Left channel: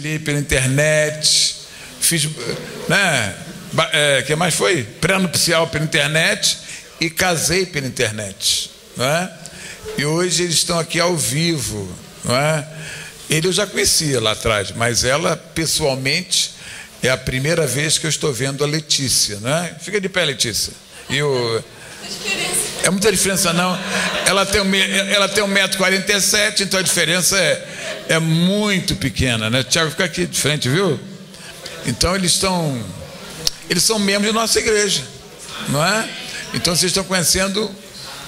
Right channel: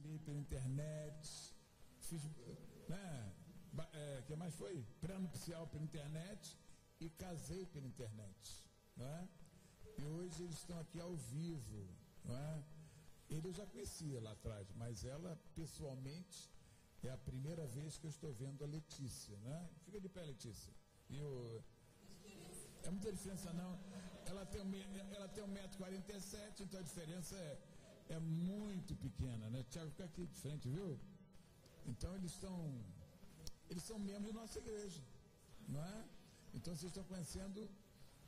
Li pela internet, fiz, né? Que mais foi? Pré-nupcial pela internet e casei pela internet, não é? E hoje eles estão aqui ao vivo, não é? Ele eu já conhecia lá atrás, mas ela pessoalmente é a primeira vez que eu estou vendo a Letícia, não é? Fica de pé, Letícia. É muita diferença não. Ela tem 1,47 m, então a diferença é muito pequena, né? Tiago, fica aqui de frente, viu? Então eles são membros de nossa igreja, não é? Então vocês estão conhecendo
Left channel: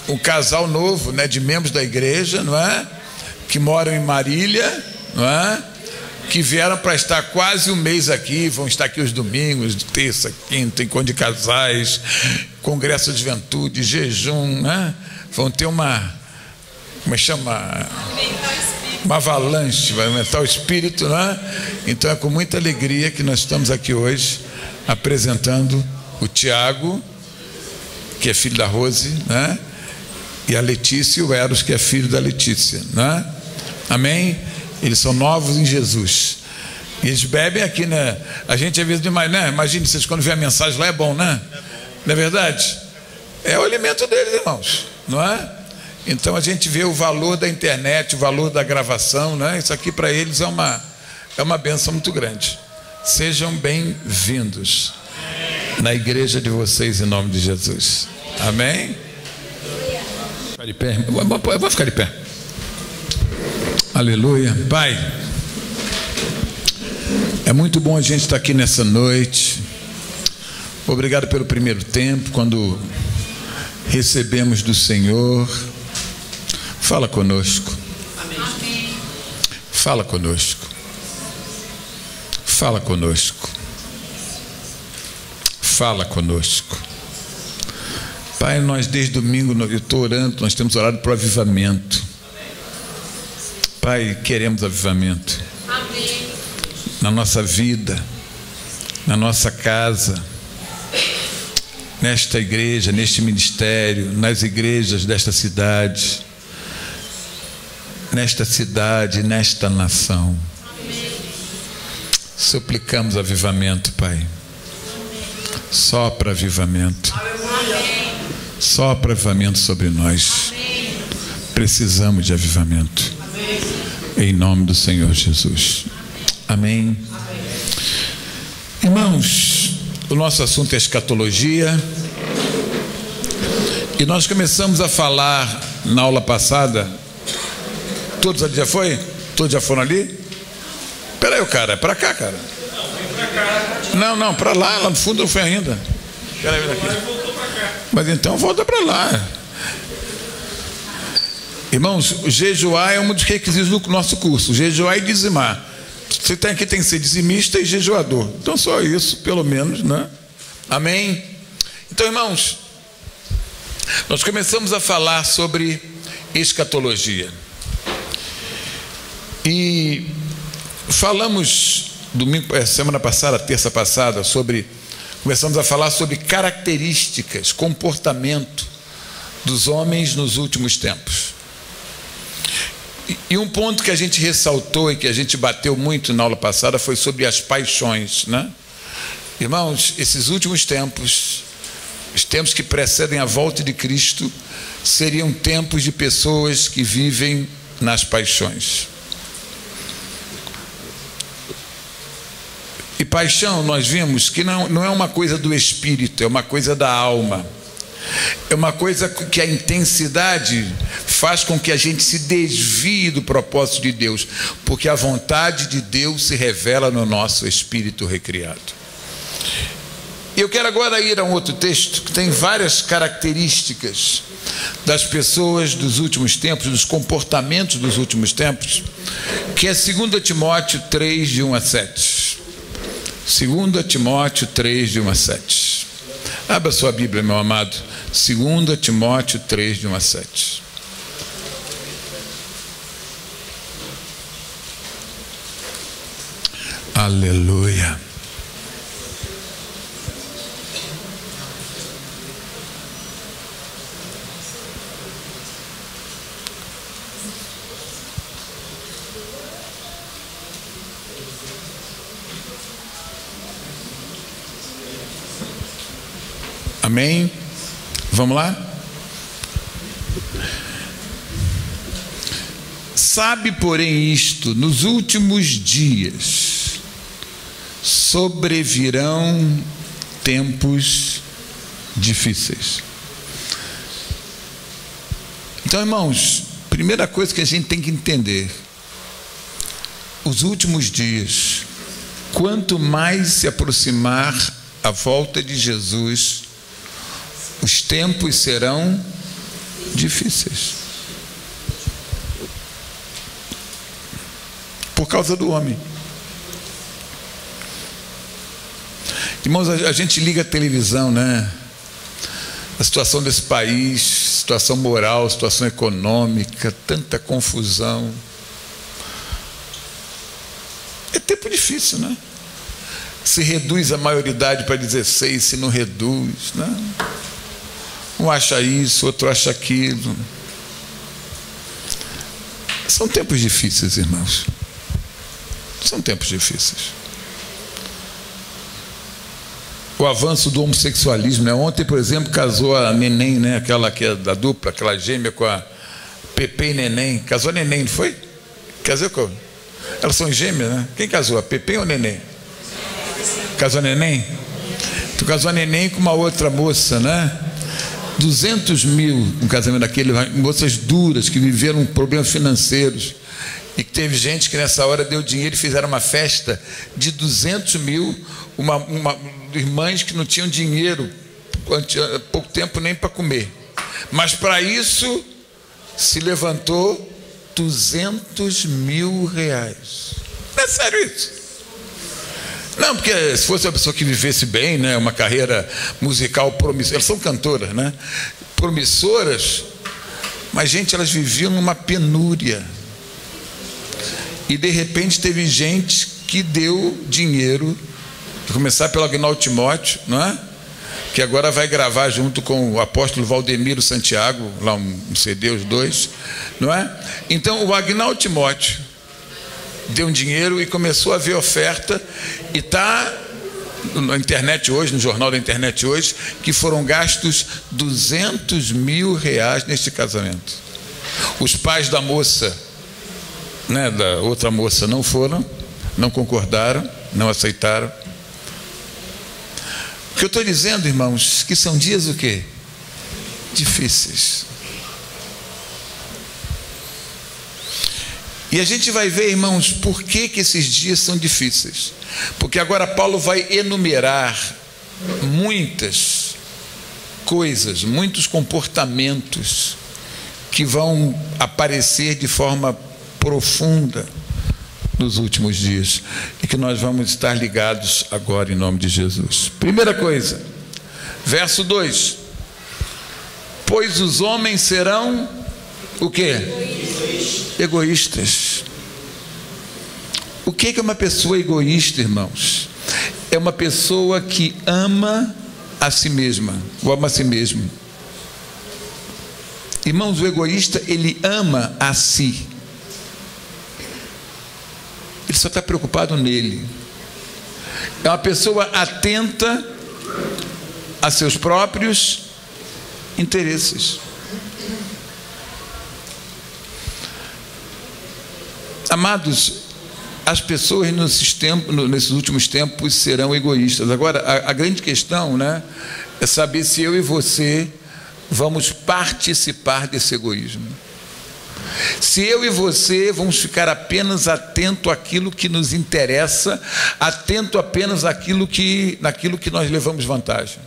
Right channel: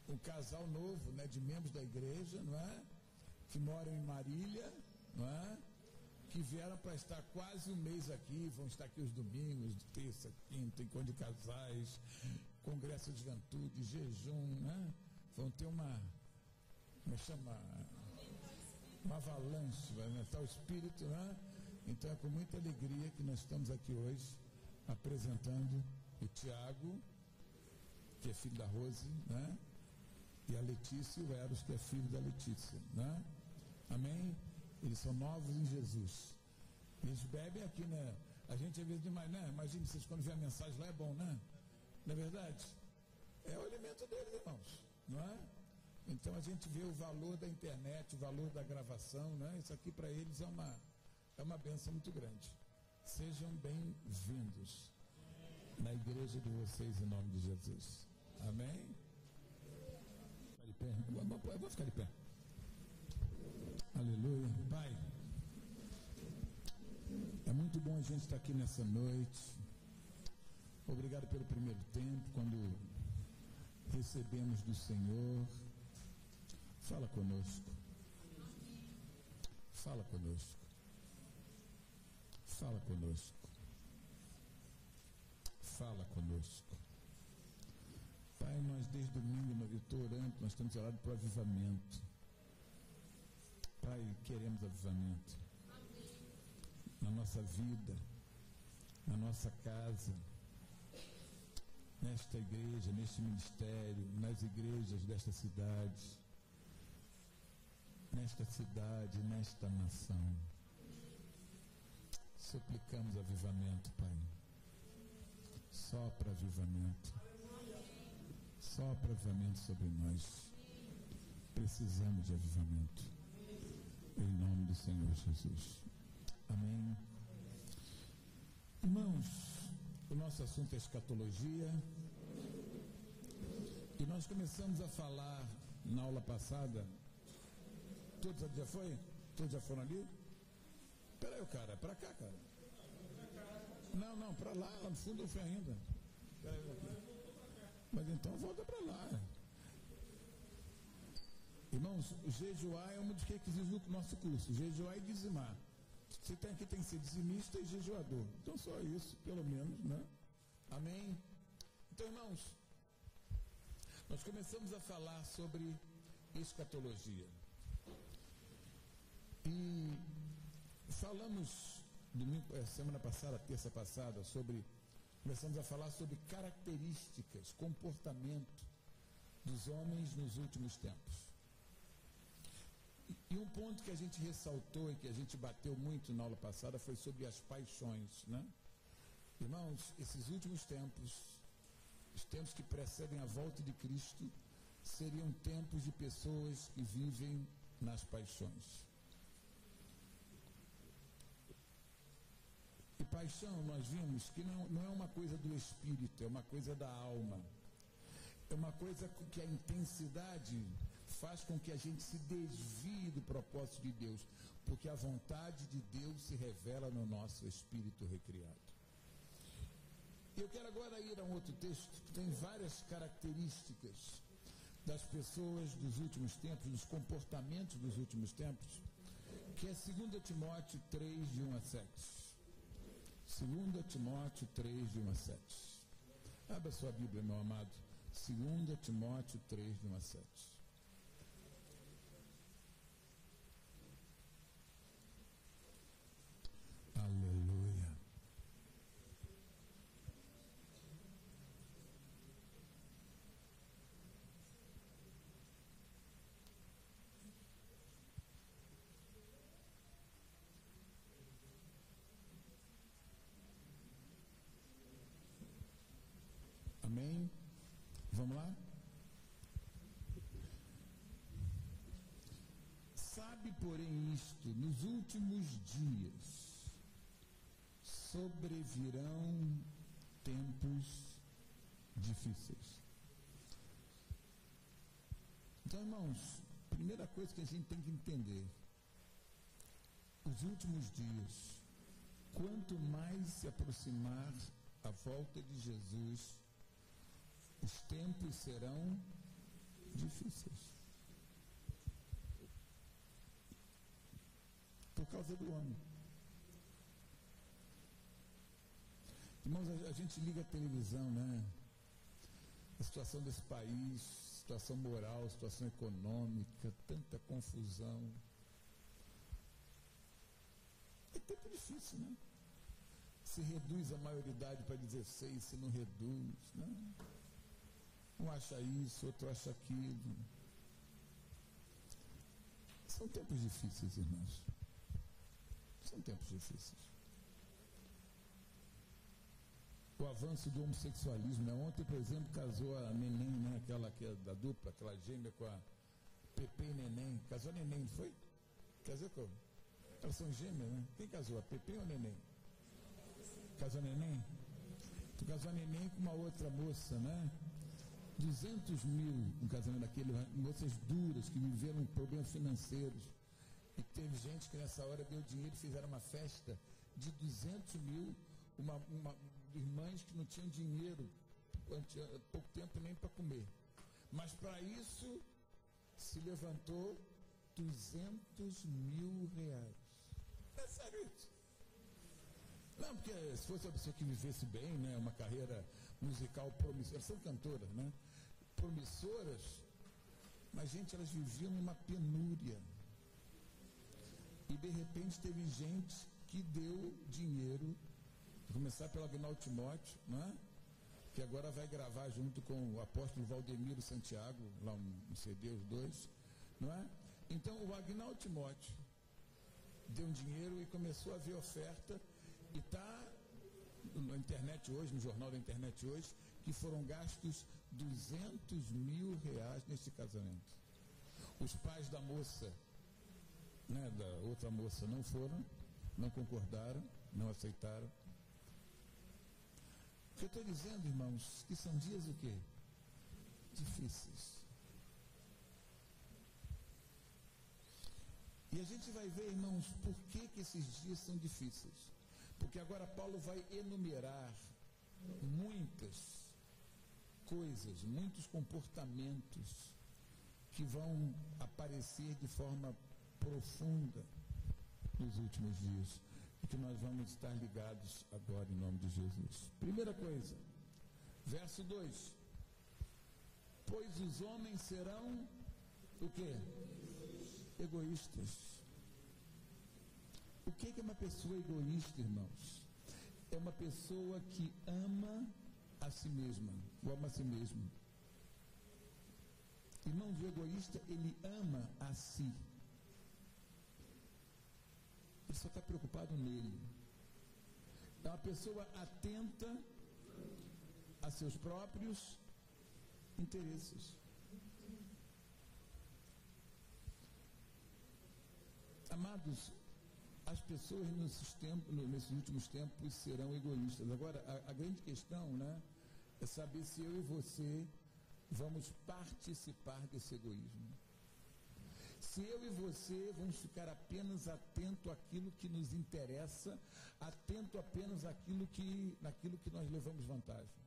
um casal novo, né, de membros da igreja, não é? Que moram em Marília, não é? Que vieram para estar quase um mês aqui, vão estar aqui os domingos, terça, quinta, encontro de casais, congresso de juventude, jejum, né? Vão ter uma avalanche, vai aumentar o espírito, né? Então é com muita alegria que nós estamos aqui hoje apresentando o Tiago, que é filho da Rose, né? E a Letícia e o Eros, que é filho da Letícia, né? Amém? Eles são novos em Jesus. E eles bebem aqui, né? A gente às vezes demais, né? Imagine vocês quando vê a mensagem lá, é bom, né? Não é verdade? É o alimento deles, irmãos, não é? Então a gente vê o valor da internet, o valor da gravação, né? Isso aqui para eles é uma bênção muito grande. Sejam bem-vindos na igreja de vocês em nome de Jesus. Amém? Ficar de pé. Eu vou ficar de pé. Aleluia. Pai, é muito bom a gente estar aqui nessa noite. Obrigado pelo primeiro tempo, quando recebemos do Senhor. Fala conosco. Amém. Fala conosco. Fala conosco. Fala conosco. Pai, nós desde domingo, eu estou orando, nós temos orado para o avivamento. Pai, queremos avivamento. Amém. Na nossa vida, na nossa casa, nesta igreja, neste ministério, nas igrejas desta cidade, nesta nação. Amém. Suplicamos avivamento, Pai. Sopra avivamento. Amém. Sopra avivamento sobre nós. Amém. Precisamos de avivamento. Em nome do Senhor Jesus. Amém. Irmãos, o nosso assunto é escatologia. E nós começamos a falar na aula passada. Todos ali já foi? Todos já foram ali? Espera aí, cara, é para cá, cara. Não, para lá no fundo não foi ainda. Espera aí, aqui. Mas então volta para lá. Irmãos, jejuar é um dos requisitos do nosso curso. Jejuar e dizimar. Você tem que ser dizimista e jejuador. Então só isso, pelo menos, né? Amém? Então, irmãos, nós começamos a falar sobre escatologia. E falamos semana passada, terça passada, começamos a falar sobre características, comportamento dos homens nos últimos tempos. E um ponto que a gente ressaltou e que a gente bateu muito na aula passada foi sobre as paixões, né? Irmãos, esses últimos tempos, os tempos que precedem a volta de Cristo, seriam tempos de pessoas que vivem nas paixões. E paixão, nós vimos que não é uma coisa do espírito, é uma coisa da alma. É uma coisa que a intensidade faz com que a gente se desvie do propósito de Deus, porque a vontade de Deus se revela no nosso espírito recriado. Eu quero agora ir a um outro texto que tem várias características das pessoas dos últimos tempos, dos comportamentos dos últimos tempos, que é 2 Timóteo 3, de 1 a 7. 2 Timóteo 3, de 1 a 7. Abra sua Bíblia, meu amado. 2 Timóteo 3, de 1 a 7. Aleluia. Amém? Vamos lá? Sabe, porém, isto: nos últimos dias sobrevirão tempos difíceis. Então, irmãos, primeira coisa que a gente tem que entender: os últimos dias, quanto mais se aproximar a volta de Jesus, os tempos serão difíceis. Por causa do homem. Irmãos, a gente liga a televisão, né? A situação desse país, situação moral, situação econômica, tanta confusão. É tempo difícil, né? Se reduz a maioridade para 16, se não reduz, né? Um acha isso, outro acha aquilo. São tempos difíceis, irmãos. São tempos difíceis. O avanço do homossexualismo, né? Ontem, por exemplo, casou a Neném, né? Aquela que é da dupla, aquela gêmea com a Pepe e Neném. Casou a Neném, não foi? Casou com... Elas são gêmeas, né? Quem casou? A Pepe ou a Neném? Casou a Neném? Tu casou a Neném com uma outra moça, né? 200 mil no casamento daquele, moças duras que viveram problemas financeiros. E que teve gente que nessa hora deu dinheiro e fizeram uma festa de 200 mil, irmãs que não tinham dinheiro, há pouco tempo nem para comer. Mas para isso se levantou 200 mil reais. Não é sério isso? Não, porque se fosse uma pessoa que vivesse bem, né, uma carreira musical promissora, elas são cantoras, né? Promissoras, mas gente, elas viviam numa penúria. E de repente teve gente que deu dinheiro, a começar pelo Agnaldo Timóteo, não é? Que agora vai gravar junto com o apóstolo Valdemiro Santiago, lá um CD, os dois, não é? Então o Agnaldo Timóteo deu um dinheiro e começou a ver oferta, e está na internet hoje, no jornal da internet hoje, que foram gastos 200 mil reais neste casamento. Os pais da moça, né, da outra moça, não foram, não concordaram, não aceitaram. O que eu estou dizendo, irmãos, que são dias o quê? Difíceis. E a gente vai ver, irmãos, por que esses dias são difíceis. Porque agora Paulo vai enumerar muitas coisas, muitos comportamentos que vão aparecer de forma profunda nos últimos dias e que nós vamos estar ligados agora em nome de Jesus. Primeira coisa, verso 2: pois os homens serão o quê? Egoístas. O que é uma pessoa egoísta, irmãos? É uma pessoa que ama a si mesma, ou ama a si mesmo. Irmãos, o egoísta, ele ama a si. Ele só está preocupado nele. É uma pessoa atenta a seus próprios interesses. Amados, as pessoas nesses últimos tempos serão egoístas. Agora, a grande questão, né, é saber se eu e você vamos participar desse egoísmo. Se eu e você vamos ficar apenas atento àquilo que nos interessa, atento apenas naquilo que nós levamos vantagem.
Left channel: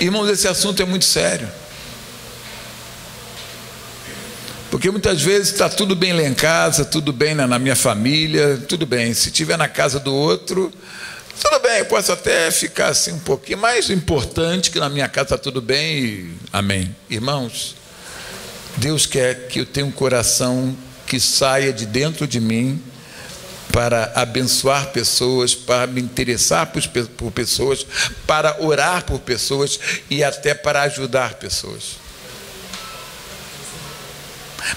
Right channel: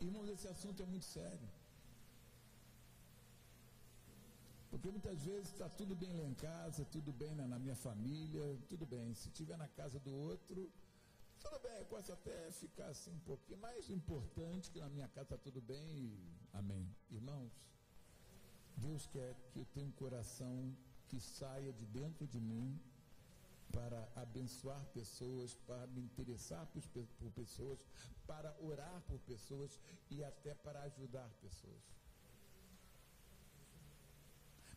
Irmãos, esse assunto é muito sério. Porque muitas vezes está tudo bem lá em casa, tudo bem na minha família, tudo bem. Se estiver na casa do outro, tudo bem, eu posso até ficar assim um pouquinho, mas o importante é que na minha casa está tudo bem e amém. Irmãos, Deus quer que eu tenha um coração que saia de dentro de mim para abençoar pessoas, para me interessar por pessoas, para orar por pessoas e até para ajudar pessoas.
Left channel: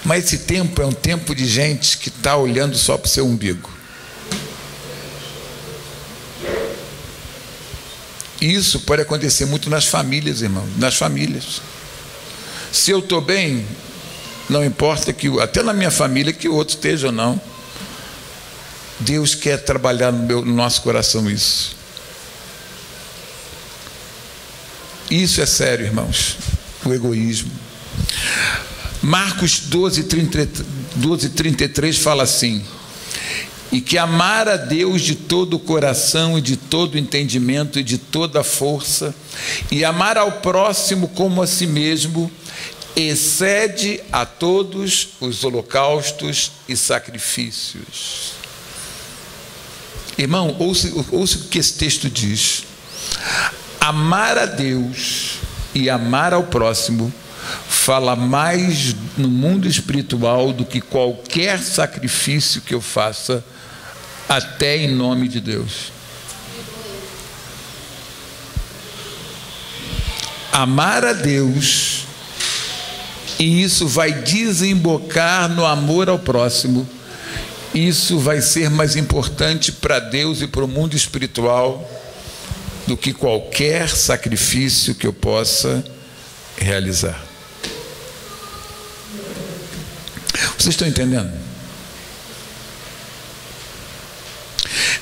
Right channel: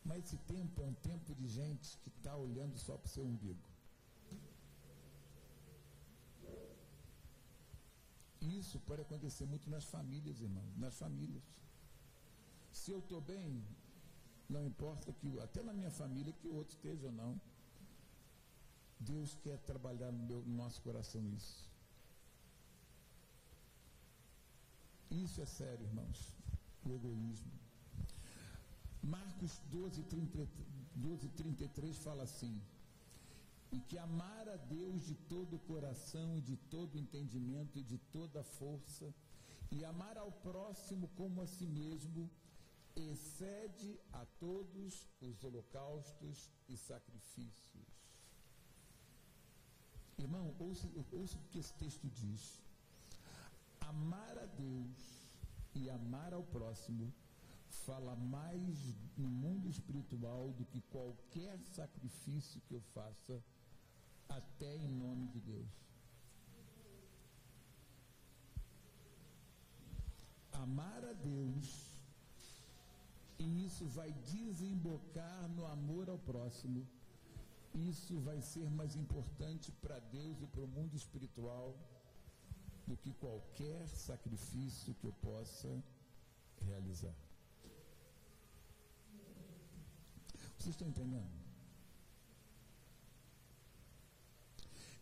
Mas esse tempo é um tempo de gente que está olhando só para o seu umbigo. Isso pode acontecer muito nas famílias, irmão, nas famílias. Se eu estou bem, não importa que, até na minha família, que o outro esteja ou não. Deus quer trabalhar no nosso coração isso. Isso é sério, irmãos, o egoísmo. Marcos 12:33 fala assim: e que amar a Deus de todo o coração e de todo o entendimento e de toda a força, e amar ao próximo como a si mesmo, excede a todos os holocaustos e sacrifícios. Irmão, ouça o que esse texto diz. Amar a Deus e amar ao próximo fala mais no mundo espiritual do que qualquer sacrifício que eu faça, até em nome de Deus. Amar a Deus, e isso vai desembocar no amor ao próximo, isso vai ser mais importante para Deus e para o mundo espiritual do que qualquer sacrifício que eu possa realizar. Vocês estão entendendo?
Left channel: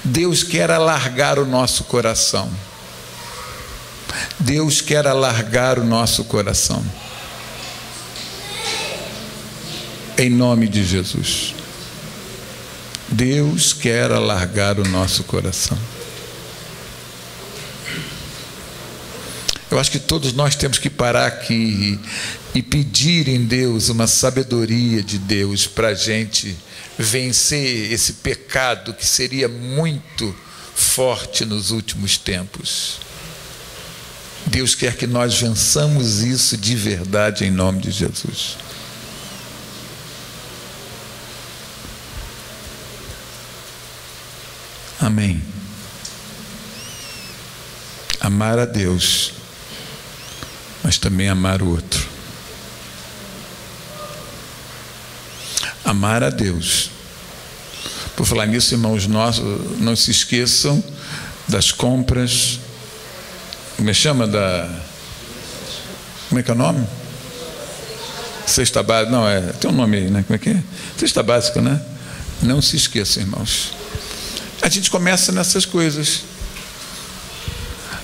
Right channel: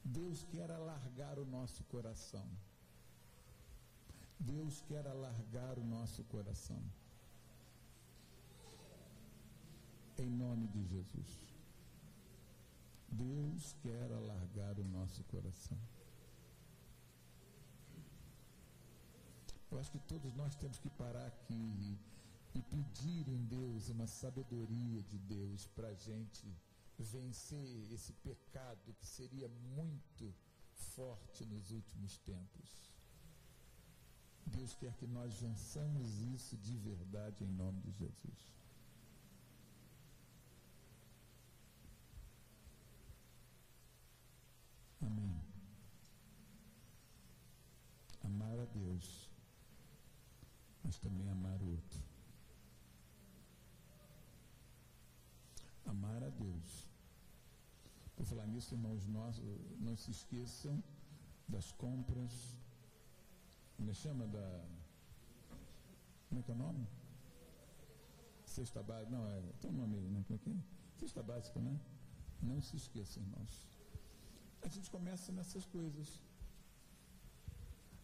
Deus quer alargar o nosso coração. Deus quer alargar o nosso coração. Em nome de Jesus. Deus quer alargar o nosso coração. Eu acho que todos nós temos que parar aqui e pedir em Deus uma sabedoria de Deus para a gente vencer esse pecado que seria muito forte nos últimos tempos. Deus quer que nós vençamos isso de verdade em nome de Jesus. Amém. Amar a Deus, mas também amar o outro. Amar a Deus. Por falar nisso, irmãos, não se esqueçam das compras. Como chama como é que é o nome? Cesta básica. Não, tem um nome aí, né? Como é que é? Cesta básica, né? Não se esqueçam, irmãos. A gente começa nessas coisas.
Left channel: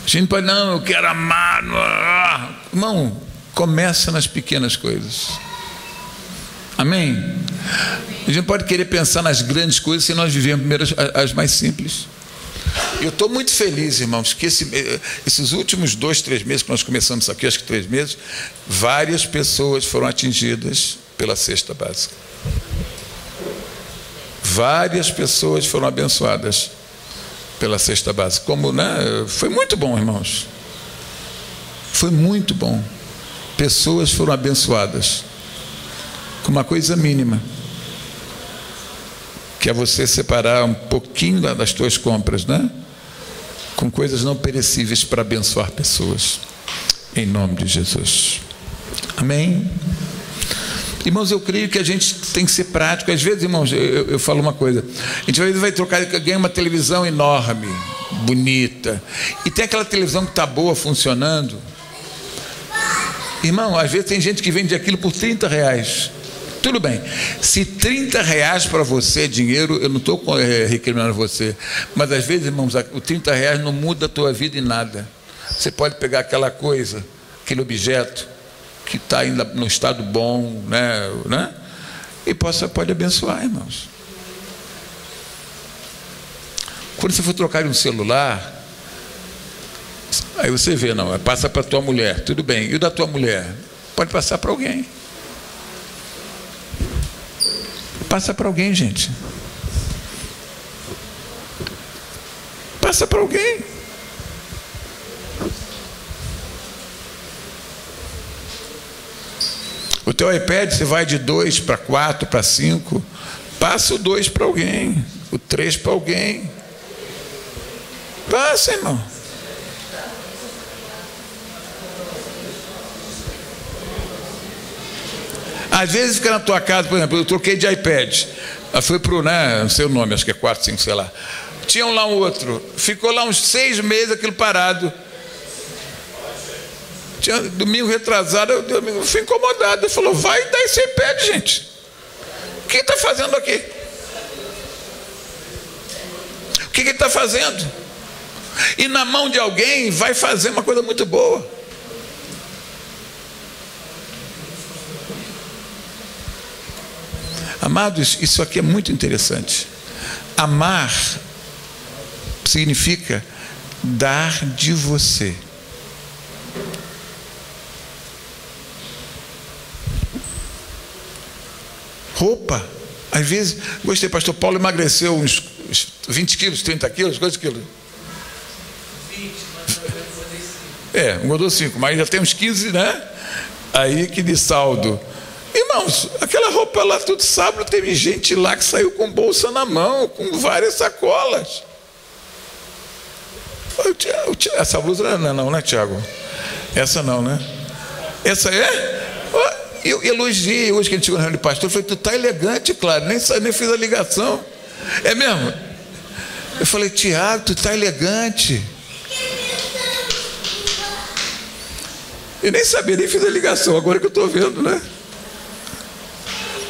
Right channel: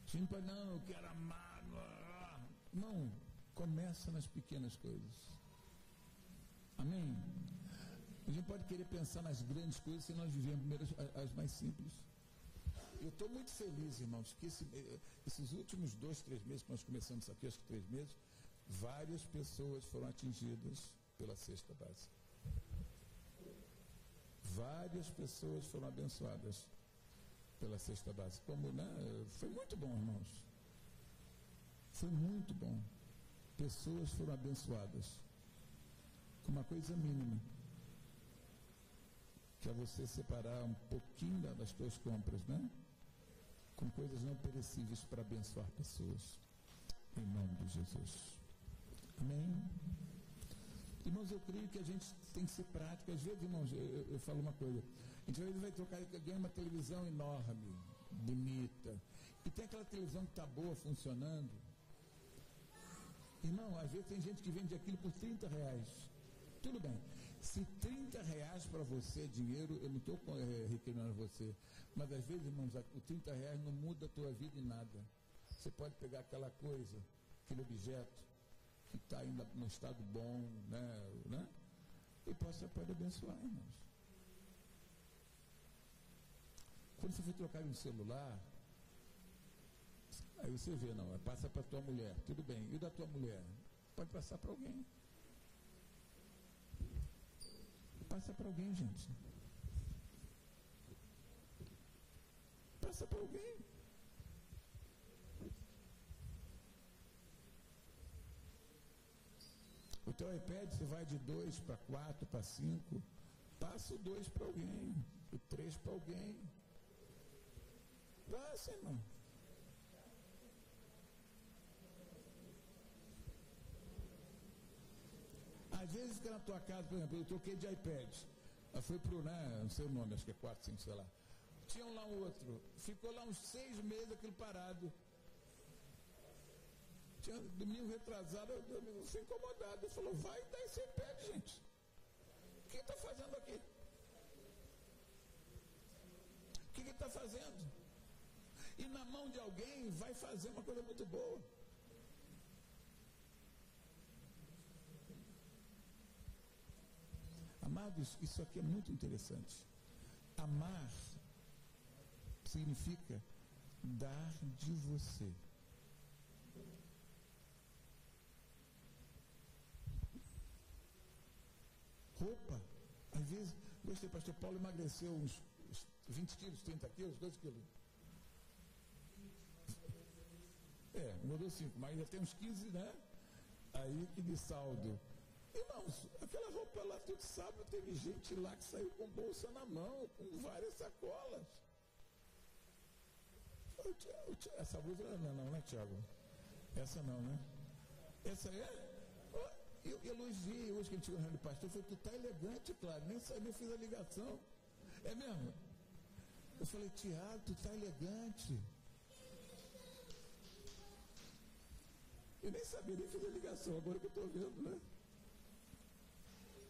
A gente pode, não, eu quero amar. Irmão, começa nas pequenas coisas. Amém? A gente pode querer pensar nas grandes coisas se nós vivemos primeiro as mais simples. Eu estou muito feliz, irmãos, que esses últimos 2, 3 meses que nós começamos isso aqui, acho que 3 meses, várias pessoas foram atingidas pela cesta básica. Várias pessoas foram abençoadas pela cesta básica. Como, né? Foi muito bom, irmãos. Foi muito bom. Pessoas foram abençoadas com uma coisa mínima, que é você separar um pouquinho das tuas compras, né? Com coisas não perecíveis para abençoar pessoas, em nome de Jesus. Amém? Irmãos, eu creio que a gente tem que ser prático. Às vezes, irmãos, eu falo uma coisa, a gente vai trocar, ganha uma televisão enorme, bonita, e tem aquela televisão que está boa, funcionando. Irmão, às vezes tem gente que vende aquilo por R$30. Tudo bem, se R$30 para você é dinheiro, eu não estou recriminando você, mas às vezes, irmãos, o R$30 não muda a tua vida em nada. Você pode pegar aquela coisa, aquele objeto que está ainda no estado bom, né? E pode abençoar, irmãos. Quando você for trocar um celular, aí você vê, não, passa para a tua mulher, tudo bem, e o da tua mulher? Pode passar para alguém. Passa para alguém, gente. Passa para alguém. O teu iPad, você vai de 2 para 4, para 5. Passa o 2 para alguém. O 3 para alguém. Passa, irmão. Às vezes fica na tua casa, por exemplo, eu troquei de iPad. Foi pro, não sei o nome, acho que é 4, 5, sei lá. Tinha lá um outro. Ficou lá uns 6 meses aquilo parado. domingo retrasado, eu fui incomodado. Ele falou, vai dar esse iPad, gente. O que ele está fazendo aqui? O que ele está fazendo? E na mão de alguém vai fazer uma coisa muito boa. Amados, isso aqui é muito interessante. Amar significa dar de você. Roupa, às vezes, gostei, pastor Paulo emagreceu uns 20 quilos, 30 quilos, quantos quilos? 20, mas engordou 5, mas já tem uns 15, né? Aí que de saldo. Irmãos, aquela roupa lá, todo sábado, teve gente lá que saiu com bolsa na mão, com várias sacolas. Essa blusa não, né, Tiago? Essa não, né? Essa é? Eu elogiei hoje que a gente chegou na reunião de pastor. Eu falei, tu tá elegante, claro, nem fiz a ligação. É mesmo? Eu falei, Tiago, tu tá elegante. Eu nem sabia, nem fiz a ligação, agora que eu estou vendo, né?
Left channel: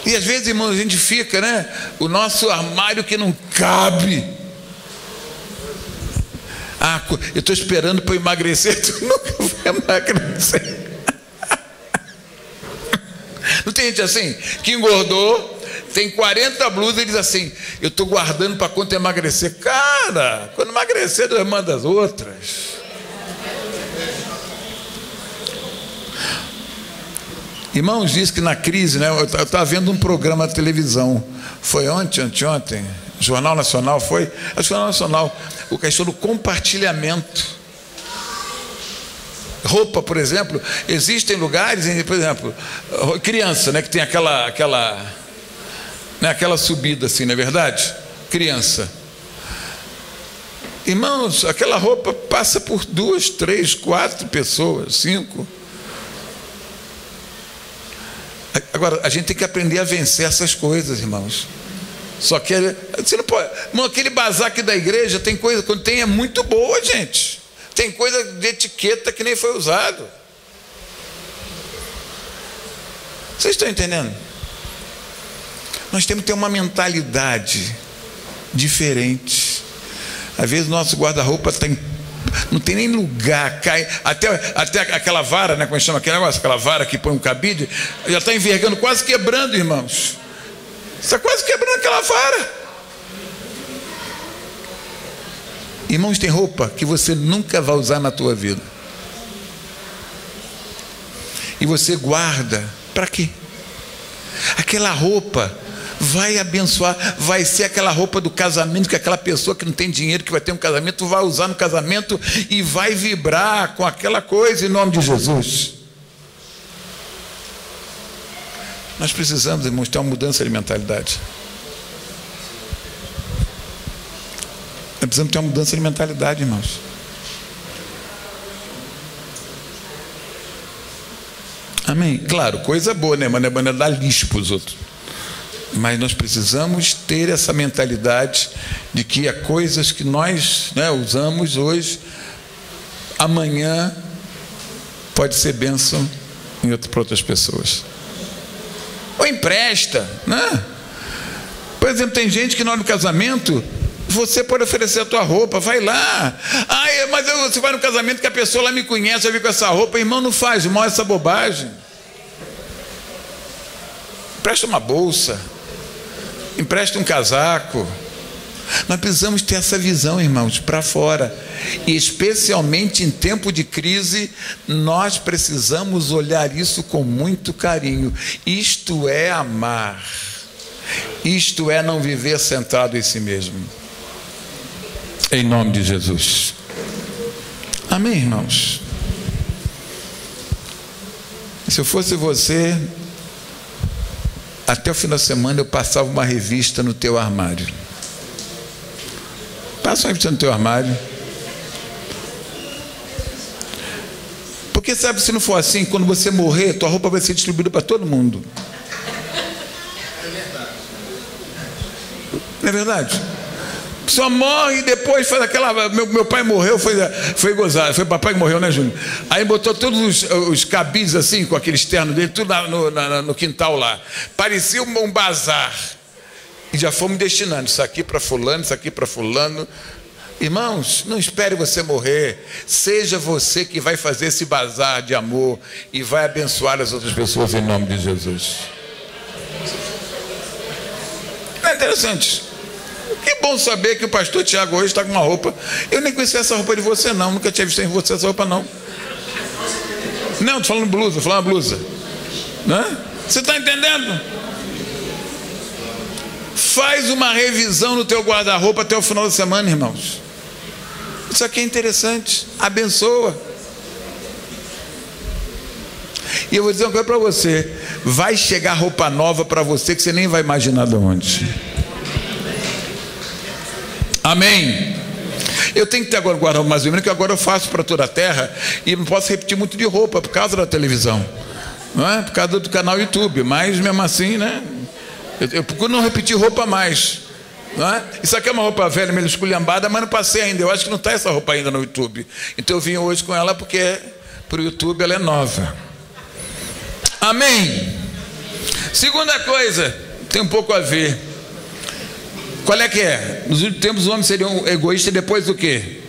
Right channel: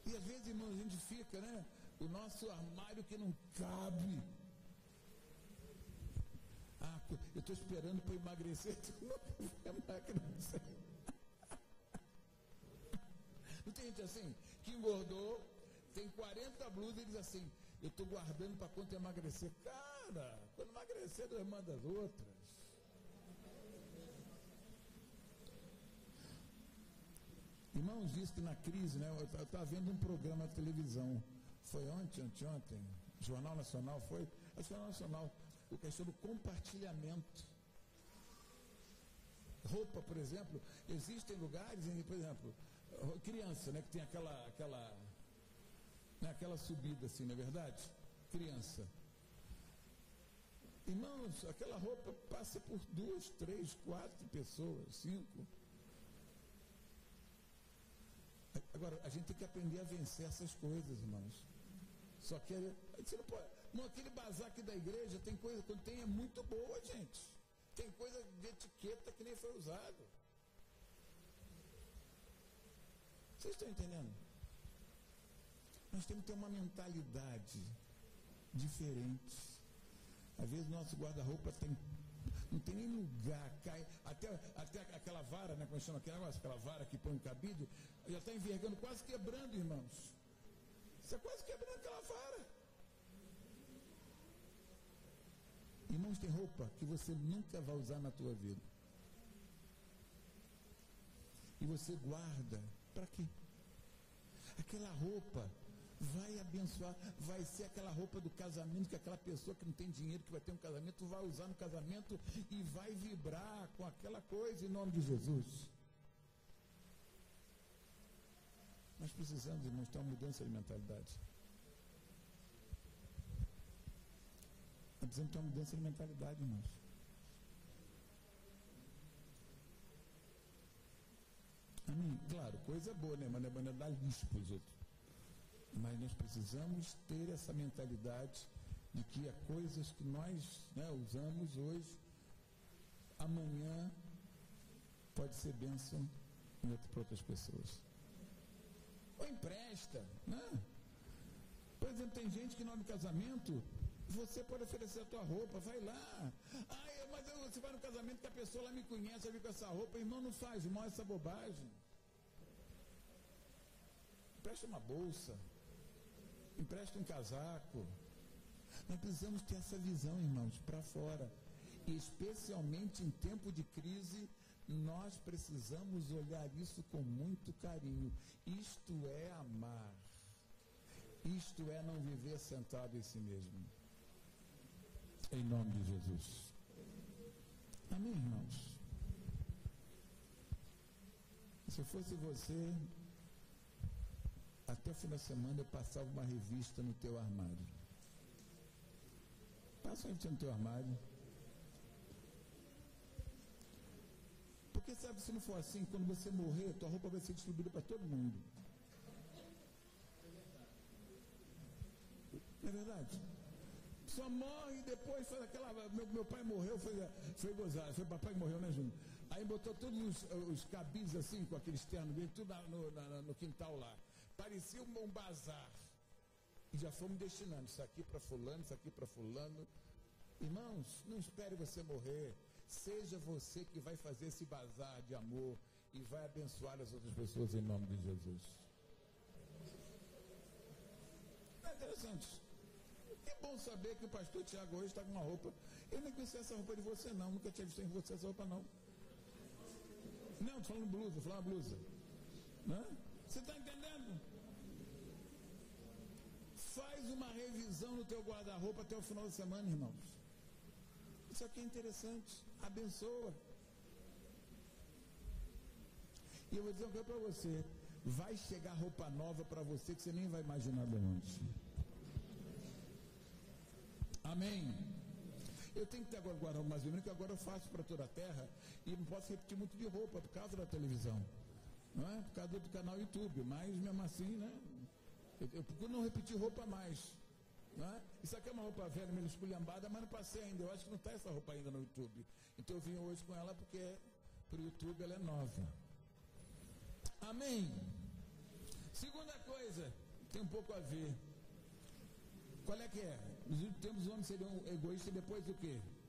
E às vezes, irmãos, a gente fica, né? O nosso armário que não cabe. Eu estou esperando para eu emagrecer. Tu nunca vai emagrecer. Não tem gente assim, que engordou, tem 40 blusas e diz assim, eu estou guardando para quando emagrecer. Cara, quando emagrecer, Deus manda as outras. Irmãos, diz que na crise, né? Eu estava vendo um programa de televisão, foi anteontem, Jornal Nacional, foi? É o Jornal Nacional, o questão do compartilhamento. Roupa, por exemplo, existem lugares, por exemplo, criança, né, que tem aquela subida assim, não é verdade? Criança. Irmãos, aquela roupa passa por 2, 3, 4 pessoas, 5. Agora, a gente tem que aprender a vencer essas coisas, irmãos. Só que você não pode. Irmão, aquele bazar aqui da igreja tem coisa, quando tem, é muito boa, gente. Tem coisa de etiqueta que nem foi usado. Vocês estão entendendo? Nós temos que ter uma mentalidade diferente. Às vezes nosso guarda-roupa não tem nem lugar, cai até aquela vara, né? Como chama aquele negócio? Aquela vara que põe um cabide, já está envergando, quase quebrando, irmãos. Está quase quebrando aquela vara. Irmãos, tem roupa que você nunca vai usar na tua vida. E você guarda. Para quê? Aquela roupa vai abençoar, vai ser aquela roupa do casamento que aquela pessoa que não tem dinheiro, que vai ter um casamento, vai usar no casamento e vai vibrar com aquela coisa em nome de Jesus. Nós precisamos, irmãos, ter uma mudança de mentalidade. Nós precisamos ter uma mudança de mentalidade, irmãos. Amém? Claro, coisa boa, né? Mas não é dar lixo para os outros. Mas nós precisamos ter essa mentalidade de que há coisas que nós, né, usamos hoje, amanhã pode ser bênção para outras pessoas. Ou empresta, né? Por exemplo, tem gente que na hora do casamento você pode oferecer a tua roupa, vai lá. Mas você vai no casamento que a pessoa lá me conhece, vai vir com essa roupa. Irmão, não faz mal essa bobagem. Empresta uma bolsa, empresta um casaco. Nós precisamos ter essa visão, irmãos, para fora. E especialmente em tempo de crise, nós precisamos olhar isso com muito carinho. Isto é amar. Isto é não viver centrado em si mesmo. Em nome de Jesus. Amém, irmãos? Se eu fosse você, até o fim da semana eu passava uma revista no teu armário. Passa uma revista no teu armário. Porque sabe, se não for assim, quando você morrer, tua roupa vai ser distribuída para todo mundo. Não é verdade? Só morre e depois faz aquela... Meu pai morreu, foi gozado. Foi papai que morreu, né, Júnior? Aí botou todos os cabides assim, com aquele externo dele, tudo no quintal lá. Parecia um bazar. E já fomos destinando isso aqui para fulano, isso aqui para fulano. Irmãos, não espere você morrer. Seja você que vai fazer esse bazar de amor e vai abençoar as outras pessoas em nome de Jesus. Não é interessante? Que bom saber que o pastor Tiago hoje está com uma roupa. Eu nem conhecia essa roupa de você não. Nunca tinha visto em você essa roupa não. Não, estou falando blusa, estou falando blusa. Né? Você está entendendo? Faz uma revisão no teu guarda-roupa até o final da semana, irmãos. Isso aqui é interessante. Abençoa. E eu vou dizer uma coisa para você. Vai chegar roupa nova para você que você nem vai imaginar de onde. Amém. Eu tenho que ter agora guarda-roupa mais ou menos, que agora eu faço para toda a terra e não posso repetir muito de roupa por causa da televisão, não é? Por causa do canal YouTube, mas mesmo assim, né? Eu procuro não repetir roupa mais, não é? Isso aqui é uma roupa velha, meio esculhambada, mas não passei ainda. Eu acho que não está essa roupa ainda no YouTube. Então eu vim hoje com ela porque para o YouTube ela é nova. Amém. Segunda coisa, tem um pouco a ver. Qual é que é? Nos últimos tempos os homens seriam egoístas e depois o quê?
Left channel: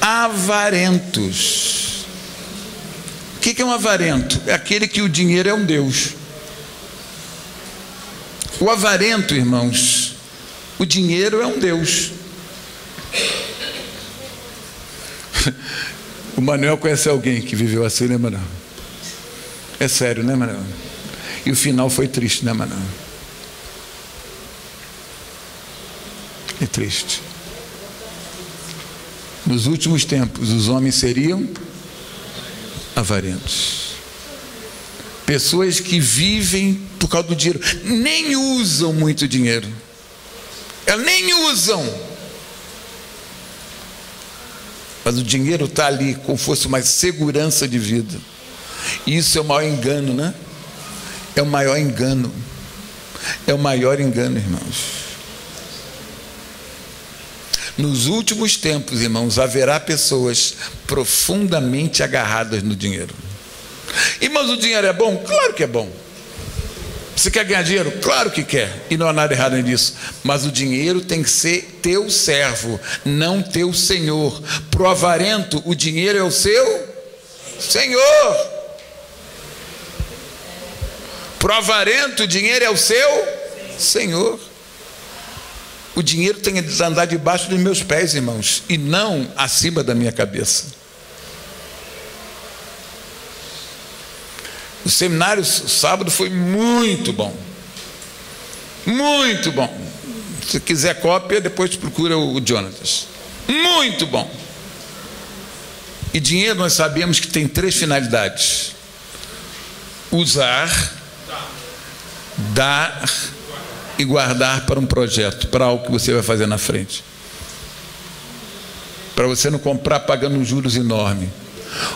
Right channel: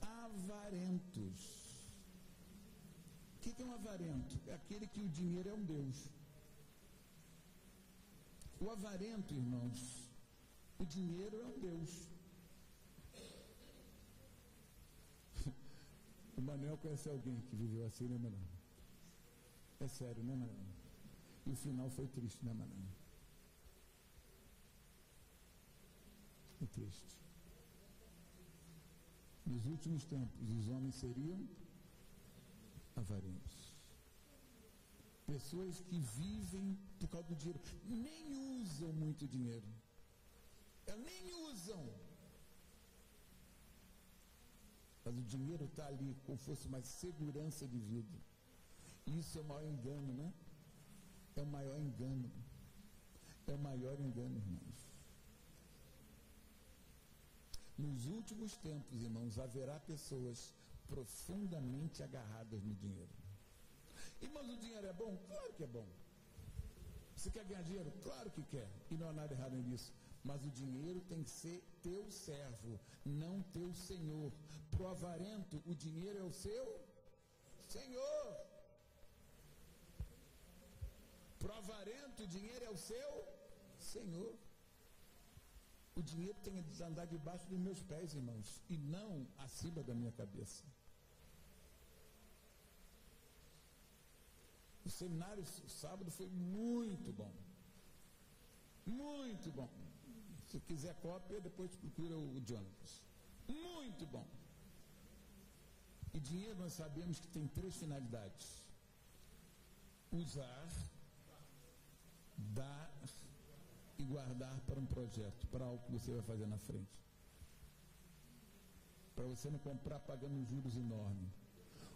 Avarentos. O que é um avarento? É aquele que o dinheiro é um Deus. O avarento, irmãos, o dinheiro é um Deus. O Manuel conhece alguém que viveu assim, né, Manuel? É sério, né, Manuel? E o final foi triste, né, Manuel? É triste. Nos últimos tempos, os homens seriam avarentos. Pessoas que vivem por causa do dinheiro. Nem usam muito dinheiro. Elas nem usam. Mas o dinheiro está ali como fosse uma segurança de vida. E isso é o maior engano, né? É o maior engano. É o maior engano, irmãos. Nos últimos tempos, irmãos, haverá pessoas profundamente agarradas no dinheiro. Irmãos, o dinheiro é bom? Claro que é bom. Você quer ganhar dinheiro? Claro que quer. E não há nada errado nisso. Mas o dinheiro tem que ser teu servo, não teu senhor. Para o avarento, o dinheiro é o seu senhor. Para o avarento, o dinheiro é o seu senhor. O dinheiro tem que andar debaixo dos meus pés, irmãos, e não acima da minha cabeça. O seminário sábado foi muito bom. Muito bom. Se quiser cópia, depois procura o Jonatas. Muito bom. E dinheiro nós sabemos que tem 3 finalidades: usar, dar e guardar para um projeto, para algo que você vai fazer na frente. Para você não comprar pagando juros enormes.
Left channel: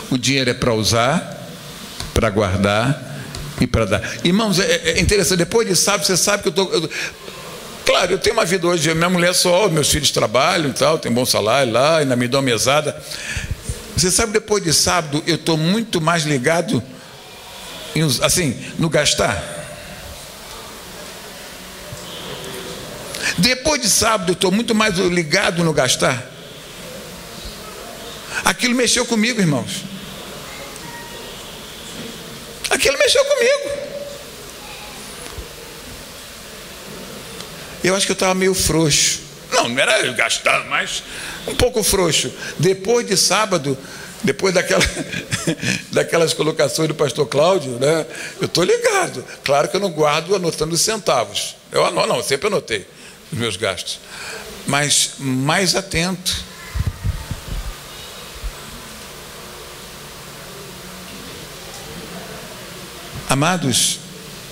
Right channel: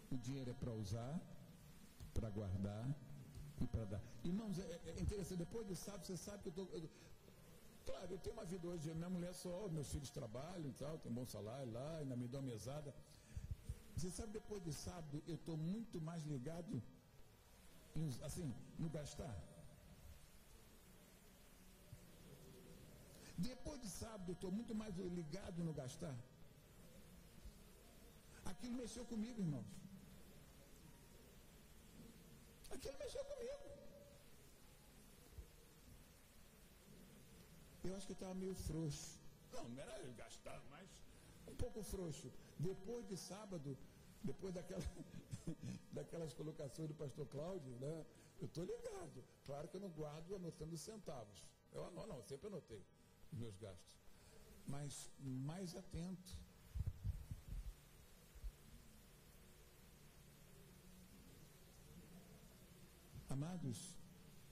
O dinheiro é para usar, para guardar e para dar. Irmãos, é interessante, depois de sábado, você sabe que claro, eu tenho uma vida hoje, minha mulher só, meus filhos trabalham e tal, tem bom salário lá, ainda me dão mesada. Você sabe, depois de sábado, eu estou muito mais ligado assim, no gastar. Depois de sábado, eu estou muito mais ligado no gastar. Aquilo mexeu comigo, irmãos. Aquilo mexeu comigo. Eu acho que eu estava meio frouxo. Não era gastar, mas um pouco frouxo. Depois de sábado, depois daquelas colocações do pastor Cláudio, né, eu estou ligado. Claro que eu não guardo anotando os centavos. Eu sempre anotei os meus gastos. Mas mais atento. Amados,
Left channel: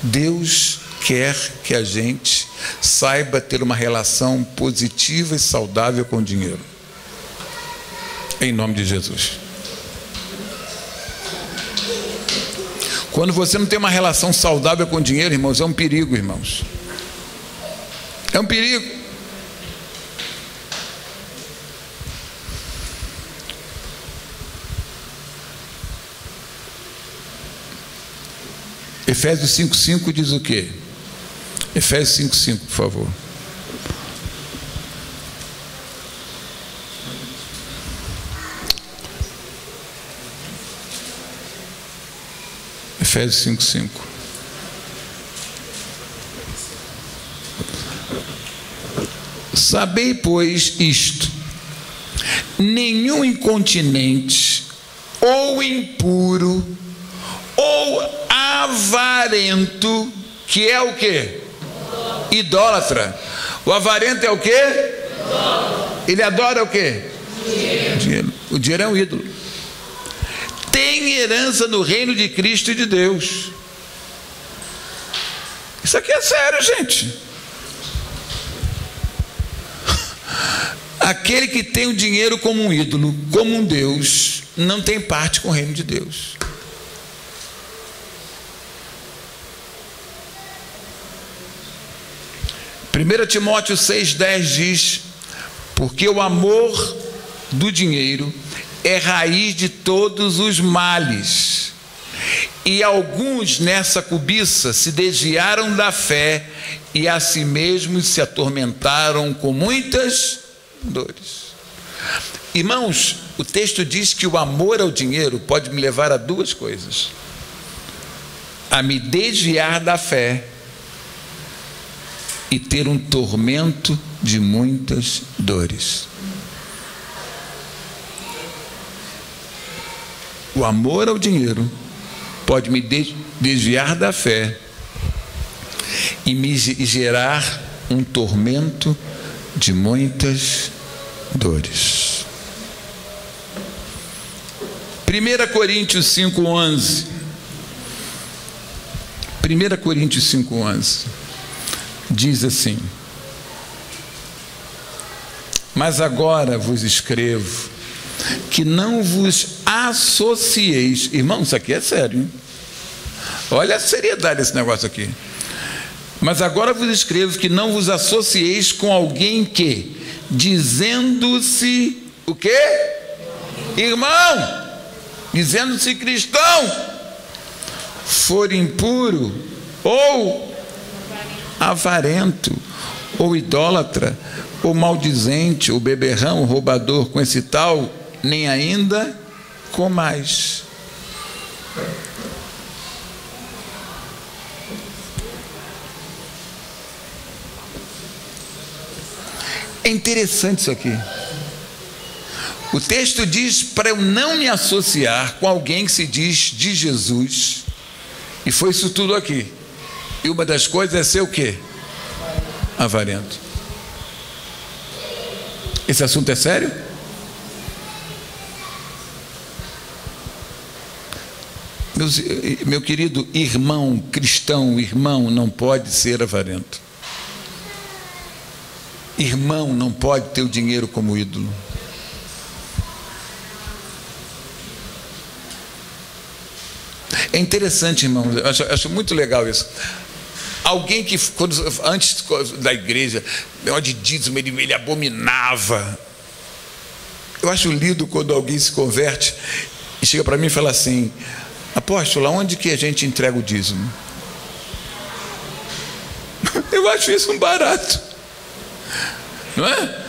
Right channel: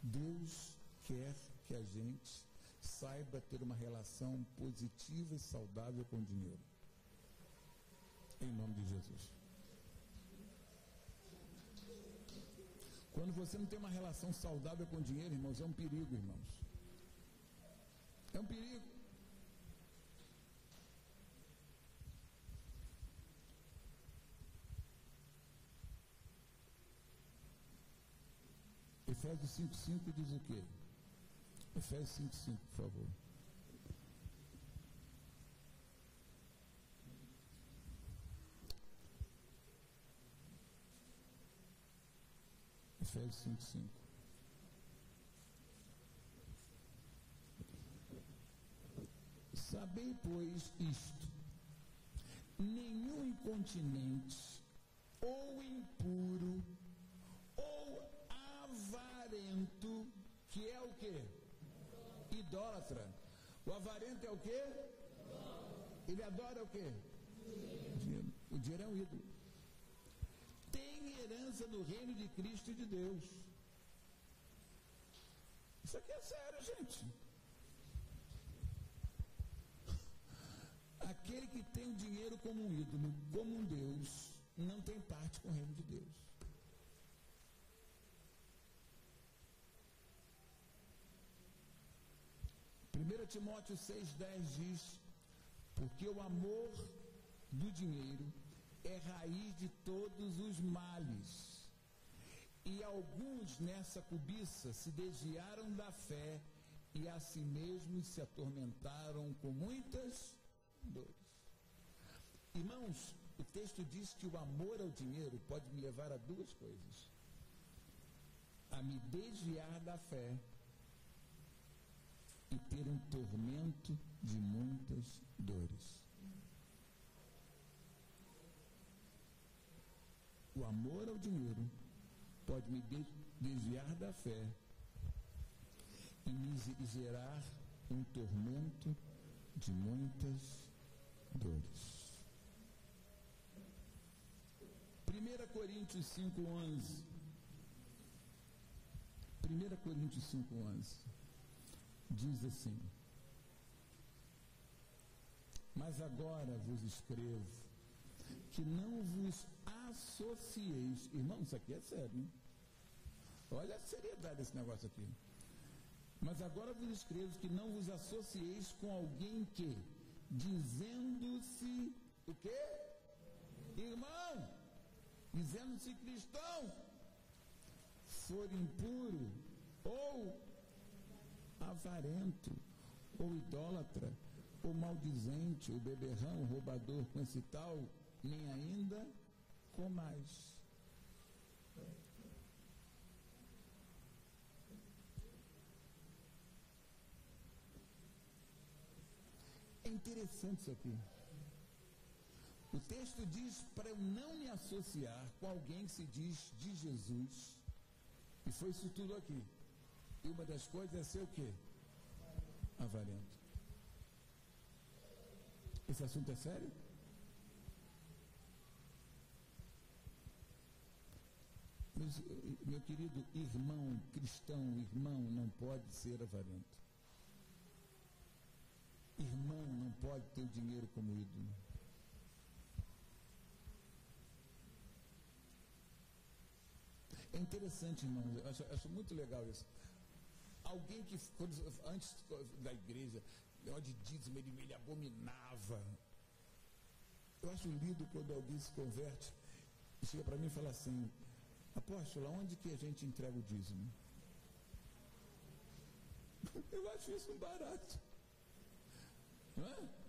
Deus quer que a gente saiba ter uma relação positiva e saudável com o dinheiro. Em nome de Jesus. Quando você não tem uma relação saudável com o dinheiro, irmãos, é um perigo, irmãos. É um perigo. Efésios 5,5 diz o quê? Efésios 5,5, por favor. Efésios 5,5. Sabei, pois, isto: nenhum incontinente, ou impuro, ou avarento, que é o quê? Idólatra. O avarento é o quê? Ele adora o quê? Dinheiro. O dinheiro é um ídolo. Tem herança no reino de Cristo e de Deus. Isso aqui é sério, gente. Aquele que tem o dinheiro como um ídolo, como um Deus, não tem parte com o reino de Deus. Primeira Timóteo 6,10 diz: porque o amor do dinheiro é raiz de todos os males, e alguns nessa cobiça se desviaram da fé e a si mesmos se atormentaram com muitas dores. Irmãos, o texto diz que o amor ao dinheiro pode me levar a duas coisas: a me desviar da fé e ter um tormento de muitas dores. O amor ao dinheiro pode me desviar da fé e me gerar um tormento de muitas dores. 1 Coríntios 5,11. 1 Coríntios 5,11 diz assim: mas agora vos escrevo que não vos associeis. Irmão, isso aqui é sério, hein? Olha a seriedade desse negócio aqui. Mas agora vos escrevo que não vos associeis com alguém que, dizendo-se o quê? Irmão, dizendo-se cristão, for impuro, ou avarento, ou idólatra, ou maldizente, ou beberrão, ou roubador, com esse tal, nem ainda comais. É interessante isso aqui. O texto diz para eu não me associar com alguém que se diz de Jesus, e foi isso tudo aqui. E uma das coisas é ser o quê? Avarento. Esse assunto é sério? Meu querido irmão cristão, irmão não pode ser avarento. Irmão não pode ter o dinheiro como ídolo. É interessante, irmão, eu acho muito legal isso. Alguém que, antes da igreja, de dízimo, ele abominava. Eu acho lindo quando alguém se converte e chega para mim e fala assim: apóstolo, aonde que a gente entrega o dízimo? Eu acho isso um barato, não é?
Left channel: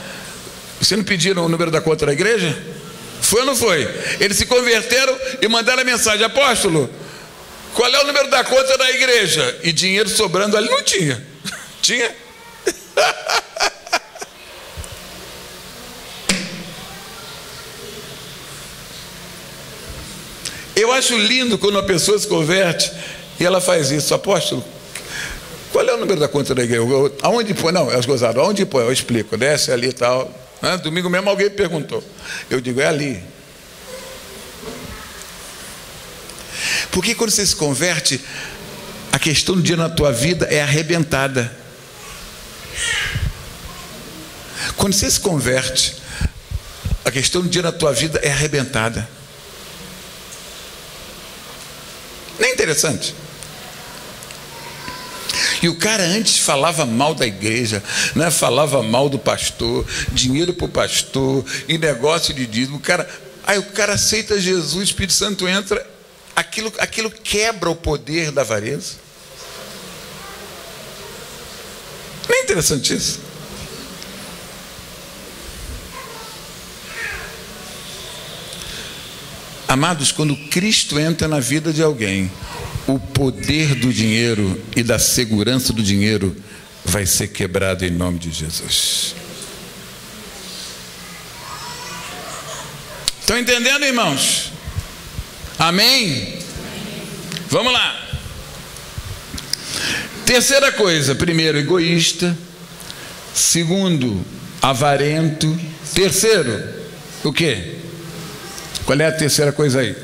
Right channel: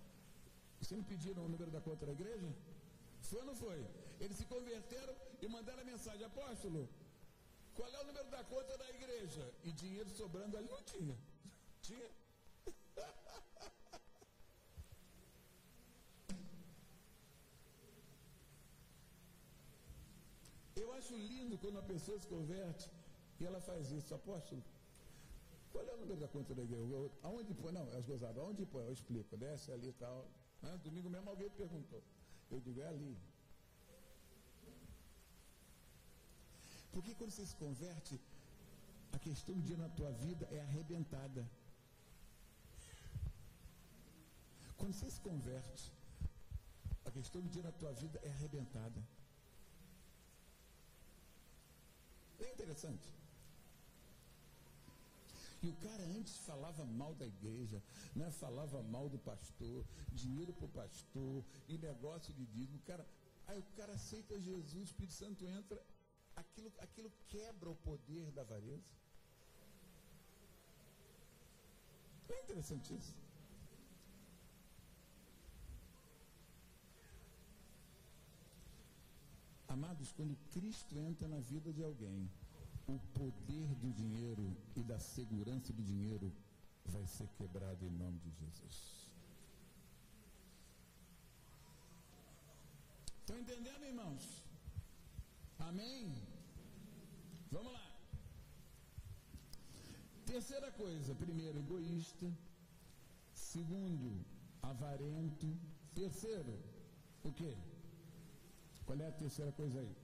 Você não pediram o número da conta da igreja? Foi ou não foi? Eles se converteram e mandaram a mensagem: apóstolo, qual é o número da conta da igreja? E dinheiro sobrando ali não tinha. Tinha? Eu acho lindo quando uma pessoa se converte e ela faz isso: apóstolo, qual é o número da conta da igreja? Aonde põe? Não, elas gozaram. Aonde põe? Eu explico. Desce ali e tal. Domingo mesmo alguém perguntou. Eu digo: é ali. Porque quando você se converte, a questão do dinheiro na tua vida é arrebentada. Quando você se converte, a questão do dinheiro na tua vida é arrebentada. Não é interessante? E o cara antes falava mal da igreja, né? Falava mal do pastor, dinheiro para o pastor, e negócio de dízimo. Aí o cara aceita Jesus, o Espírito Santo entra, aquilo quebra o poder da avareza. Não é interessante isso? Amados, quando Cristo entra na vida de alguém, o poder do dinheiro e da segurança do dinheiro vai ser quebrado em nome de Jesus. Estão entendendo, irmãos? Amém? Vamos lá. Terceira coisa: primeiro, egoísta. Segundo, avarento. Terceiro, o quê? Qual é a terceira coisa aí?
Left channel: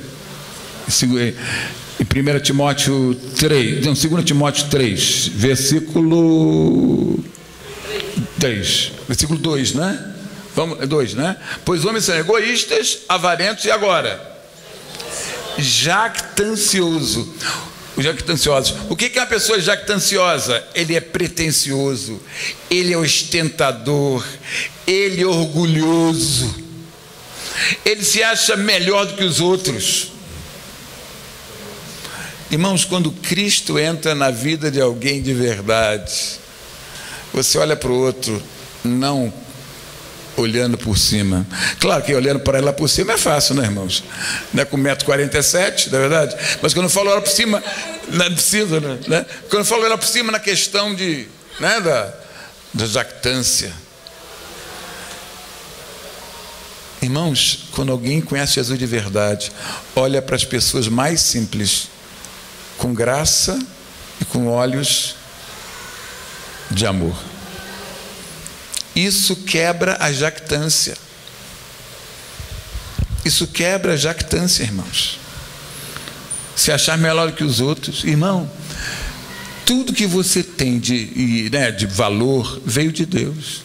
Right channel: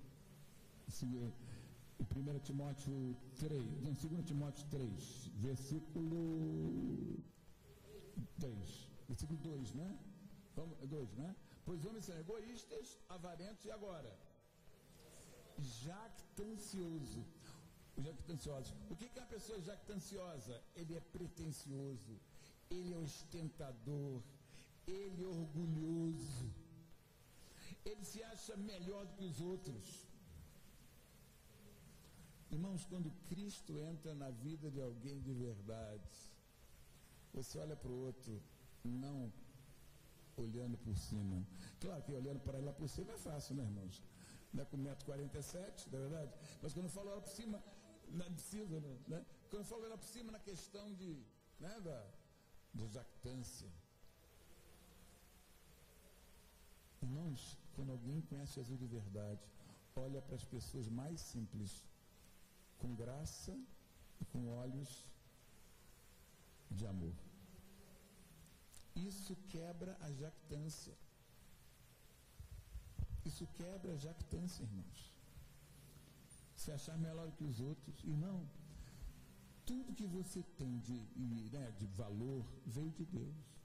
Em 1 Timóteo 3, não, 2 Timóteo 3, versículo 3, versículo 2, né? Vamos, 2, né? Pois homens são egoístas, avarentos e agora? Jactancioso. Os jactanciosos. O que é uma pessoa jactanciosa? Ele é pretensioso, ele é ostentador, ele é orgulhoso, ele se acha melhor do que os outros. Irmãos, quando Cristo entra na vida de alguém de verdade, você olha para o outro, não olhando por cima. Claro que olhando para ela por cima é fácil, né, irmãos? Não é com 1,47 m, não é verdade? Mas quando eu falo ela por cima, não precisa, né? Quando eu falo ela por cima na questão de, né, da jactância. Irmãos, quando alguém conhece Jesus de verdade, olha para as pessoas mais simples, com graça e com olhos de amor. Isso quebra a jactância. Isso quebra a jactância, irmãos. Se achar melhor que os outros. Irmão, tudo que você tem de valor veio de Deus.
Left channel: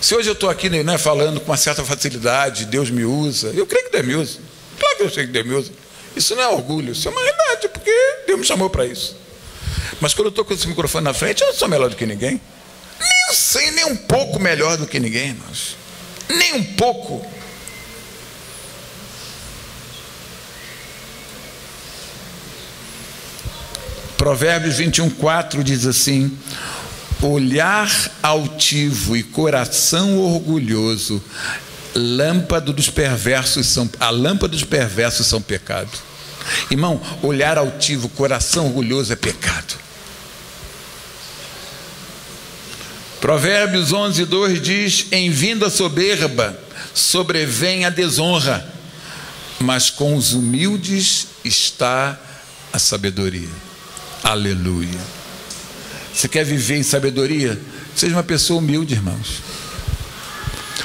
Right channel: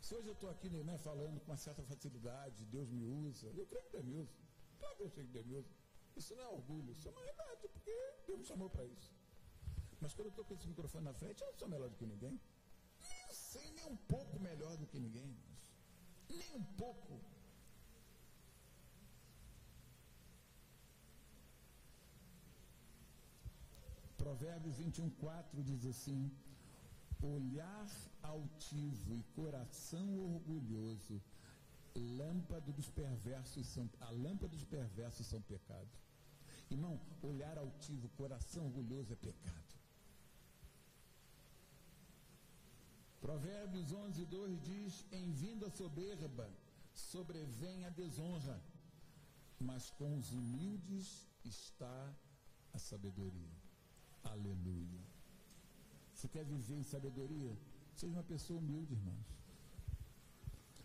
Se hoje eu estou aqui, né, falando com uma certa facilidade, Deus me usa, eu creio que Deus me usa. Claro que eu sei que Deus me usa. Isso não é orgulho, isso é uma realidade, porque Deus me chamou para isso. Mas quando eu estou com esse microfone na frente, eu não sou melhor do que ninguém. Nem sei, nem um pouco melhor do que ninguém, irmãos. Nem um pouco. Provérbios 21:4 diz assim: olhar altivo e coração orgulhoso, a lâmpada dos perversos são pecado. Irmão, olhar altivo, coração orgulhoso é pecado. Provérbios 11:2 diz: em vindo a soberba sobrevém a desonra, mas com os humildes está a sabedoria. Aleluia. Você quer viver em sabedoria? Seja uma pessoa humilde, irmãos.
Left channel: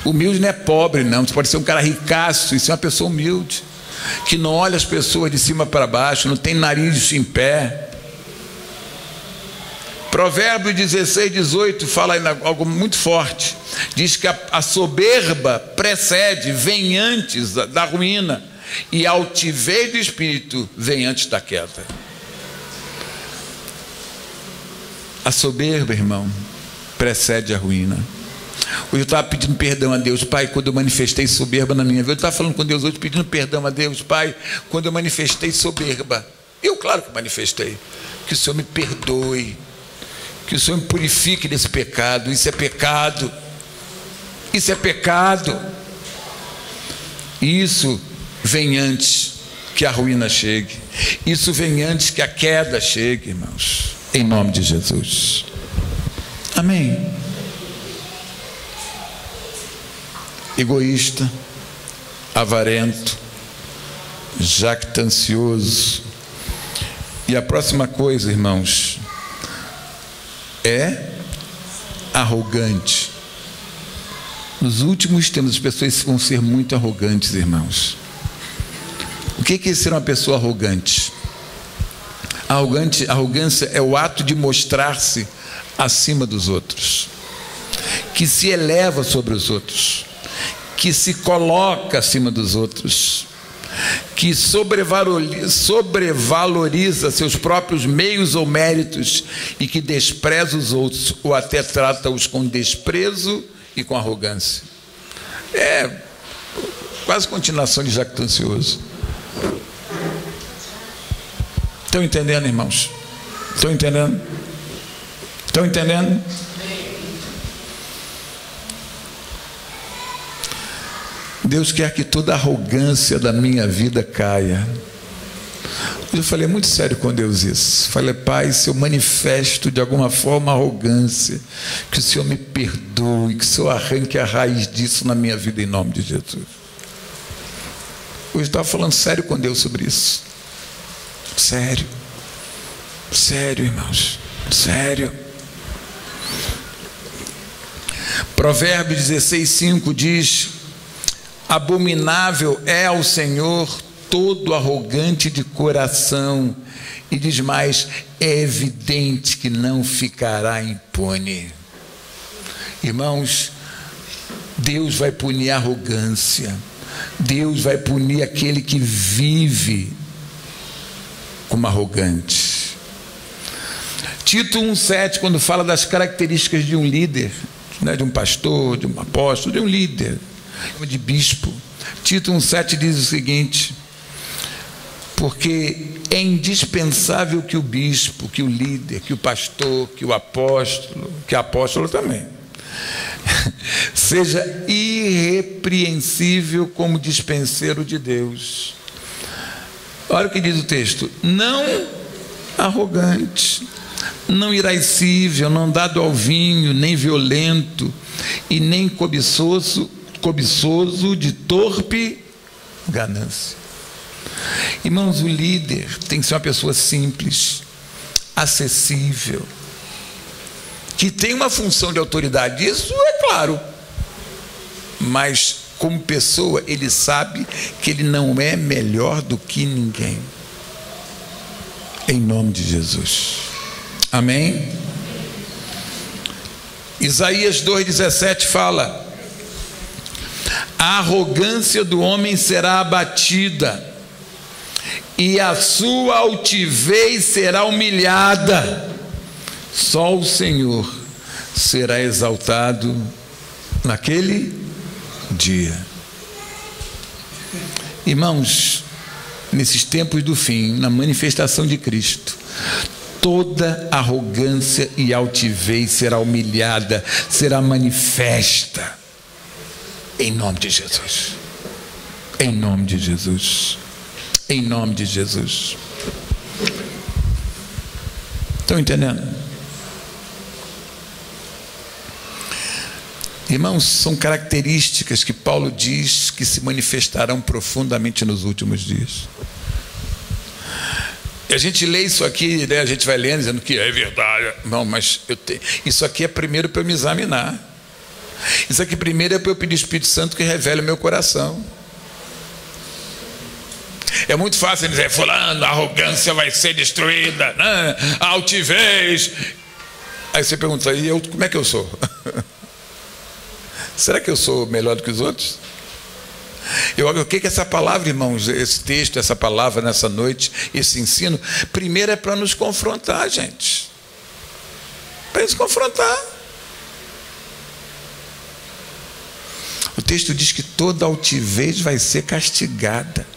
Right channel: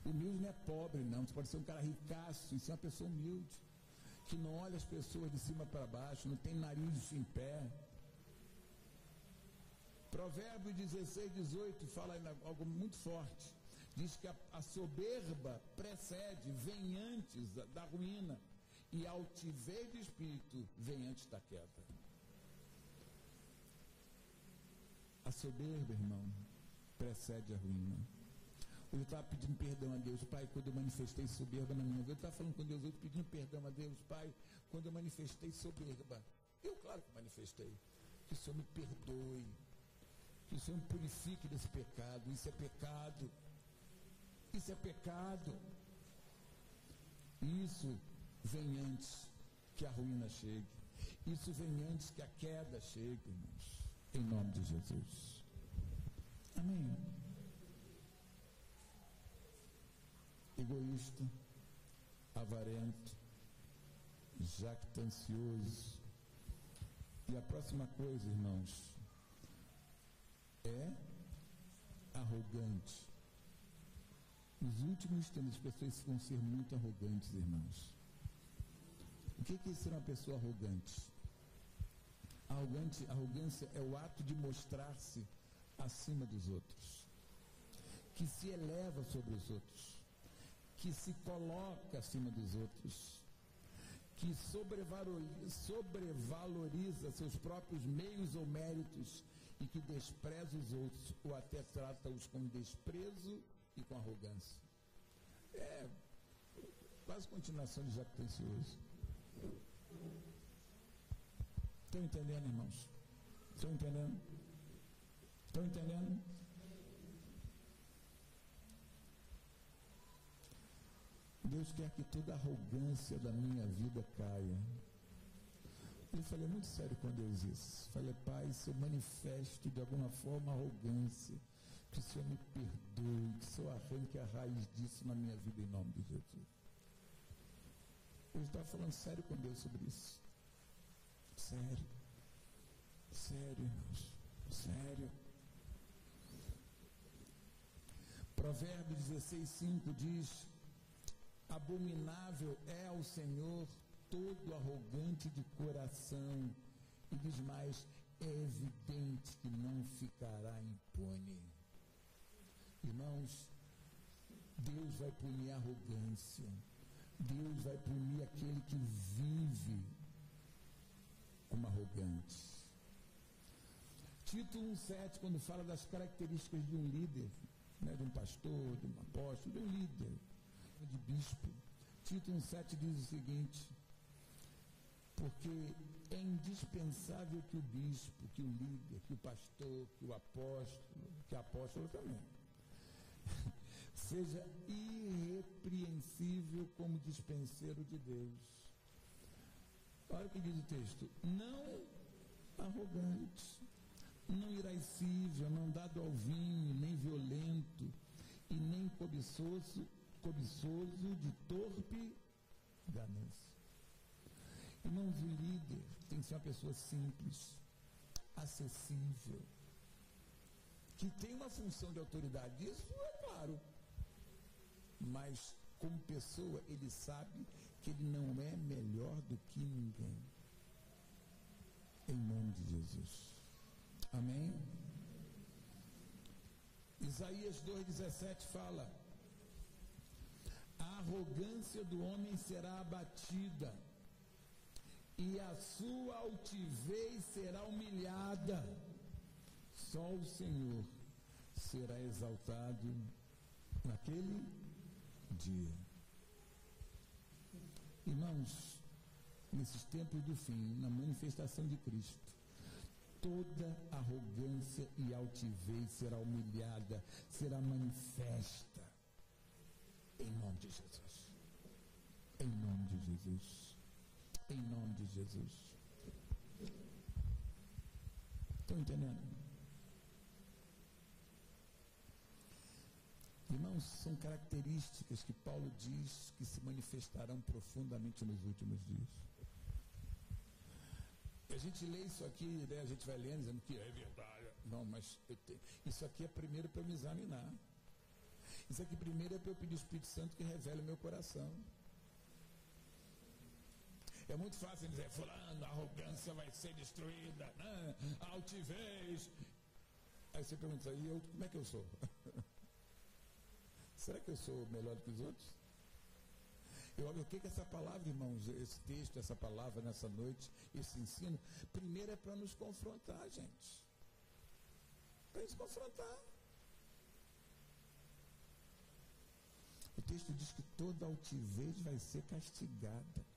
Humilde não é pobre, não. Você pode ser um cara ricaço e ser uma pessoa humilde, que não olha as pessoas de cima para baixo, não tem nariz em pé. Provérbios 16:18 fala algo muito forte. Diz que a soberba precede, vem antes da ruína, e a altivez do espírito vem antes da queda. A soberba, irmão, precede a ruína. Hoje eu estava pedindo perdão a Deus, Pai, quando eu manifestei soberba na minha vida. Eu estava falando com Deus hoje, pedindo perdão a Deus, Pai, quando eu manifestei soberba. Eu, claro que manifestei. Que o Senhor me perdoe, que o Senhor me purifique desse pecado. Isso é pecado. Isso é pecado. Isso vem antes que a ruína chegue. Isso vem antes que a queda chegue, irmãos. Em nome de Jesus. Amém. Egoísta, avarento, jactancioso. E a próxima coisa, irmãos, é arrogante. Nos últimos tempos as pessoas vão ser muito arrogantes, irmãos. O que é ser uma pessoa arrogante? Arrogância é o ato de mostrar-se acima dos outros, que se eleva sobre os outros, que se coloca acima dos outros, que sobrevaloriza seus próprios meios ou méritos e que despreza os outros ou até trata-os com desprezo e com arrogância. É quase continuação de jactancioso. Estão entendendo, irmãos? Estão entendendo? Estão entendendo? Deus quer que toda arrogância da minha vida caia. Eu falei muito sério com Deus isso. Falei, Pai, se eu manifesto de alguma forma arrogância, que o Senhor me perdoe, que o Senhor arranque a raiz disso na minha vida, em nome de Jesus. Hoje eu estava falando sério com Deus sobre isso. Sério. Sério, irmãos. Sério. Provérbios 16:5 diz: abominável é ao Senhor todo arrogante de coração, e diz mais: é evidente que não ficará impune. Irmãos, Deus vai punir a arrogância, Deus vai punir aquele que vive como arrogante. Tito 1,7, quando fala das características de um líder, né, de um pastor, de um apóstolo, de um líder, de bispo. Tito 1,7 diz o seguinte: porque é indispensável que o bispo, que o líder, que o pastor, que o apóstolo, que a apóstola também, seja irrepreensível como dispenseiro de Deus. Olha o que diz o texto: não arrogante, não irascível, não dado ao vinho, nem violento, e nem cobiçoso de torpe ganância. Irmãos, o líder tem que ser uma pessoa simples, acessível, que tem uma função de autoridade, isso é claro, mas como pessoa ele sabe que ele não é melhor do que ninguém, em nome de Jesus, amém? Isaías 2,17 fala: a arrogância do homem será abatida, e a sua altivez será humilhada, só o Senhor será exaltado naquele dia. Irmãos, nesses tempos do fim, na manifestação de Cristo, toda arrogância e altivez será humilhada, será manifesta, em nome de Jesus, em nome de Jesus, em nome de Jesus. Estão entendendo? Irmãos, são características que Paulo diz que se manifestarão profundamente nos últimos dias. E a gente lê isso aqui, né? A gente vai lendo dizendo que é verdade. Não, mas isso aqui é primeiro para eu me examinar. Isso aqui primeiro é para eu pedir ao Espírito Santo que revele o meu coração. É muito fácil dizer: fulano, a arrogância vai ser destruída, né? A altivez. Aí você pergunta: e eu, como é que eu sou? Será que eu sou melhor do que os outros? O que é essa palavra, irmãos, esse texto, essa palavra nessa noite, esse ensino? Primeiro é para nos confrontar, gente. Para nos confrontar. O texto diz que toda altivez vai ser castigada.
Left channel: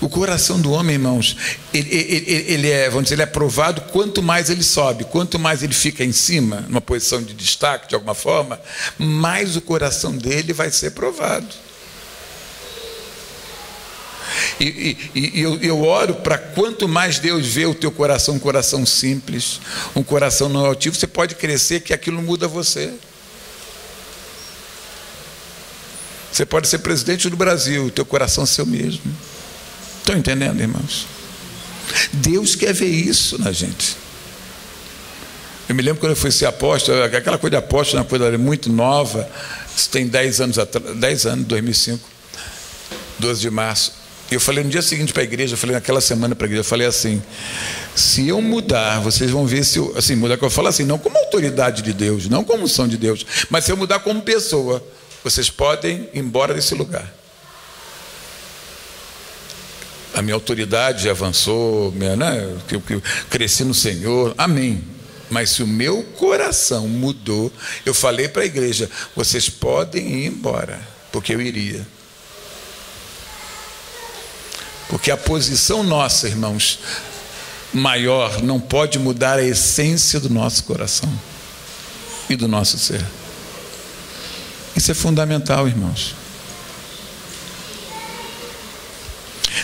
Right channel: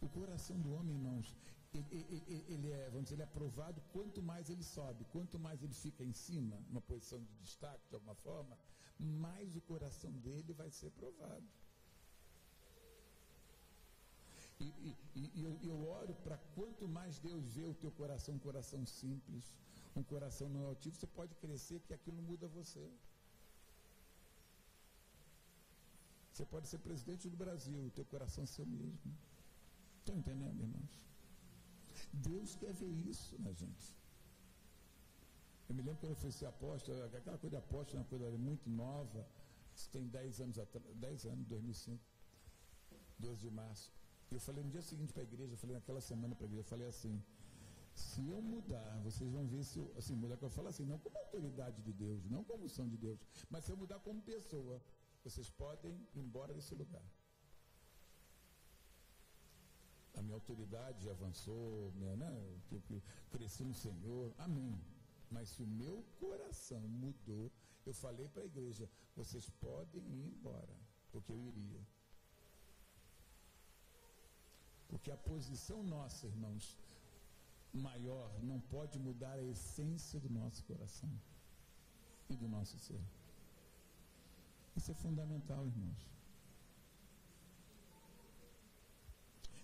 O coração do homem, irmãos, ele é provado quanto mais ele sobe, quanto mais ele fica em cima, numa posição de destaque, de alguma forma, mais o coração dele vai ser provado. Eu oro para quanto mais Deus vê o teu coração, um coração simples, um coração não altivo, você pode crescer, que aquilo muda você. Você pode ser presidente do Brasil, o teu coração é seu mesmo. Estão entendendo, irmãos? Deus quer ver isso na gente. Eu me lembro quando eu fui ser apóstolo, aquela coisa de apóstolo é uma coisa muito nova. Isso tem 10 anos atrás, 10 anos, 2005, 12 de março. E eu falei no dia seguinte para a igreja, eu falei naquela semana para a igreja, eu falei assim: se eu mudar, vocês vão ver se eu, assim, mudar, que eu falo assim, não como autoridade de Deus, não como unção de Deus, mas se eu mudar como pessoa, vocês podem ir embora desse lugar. A minha autoridade avançou, né? Eu cresci no Senhor, amém. Mas se o meu coração mudou, eu falei para a igreja: vocês podem ir embora, porque eu iria. Porque a posição nossa, irmãos, maior, não pode mudar a essência do nosso coração e do nosso ser. Isso é fundamental, irmãos.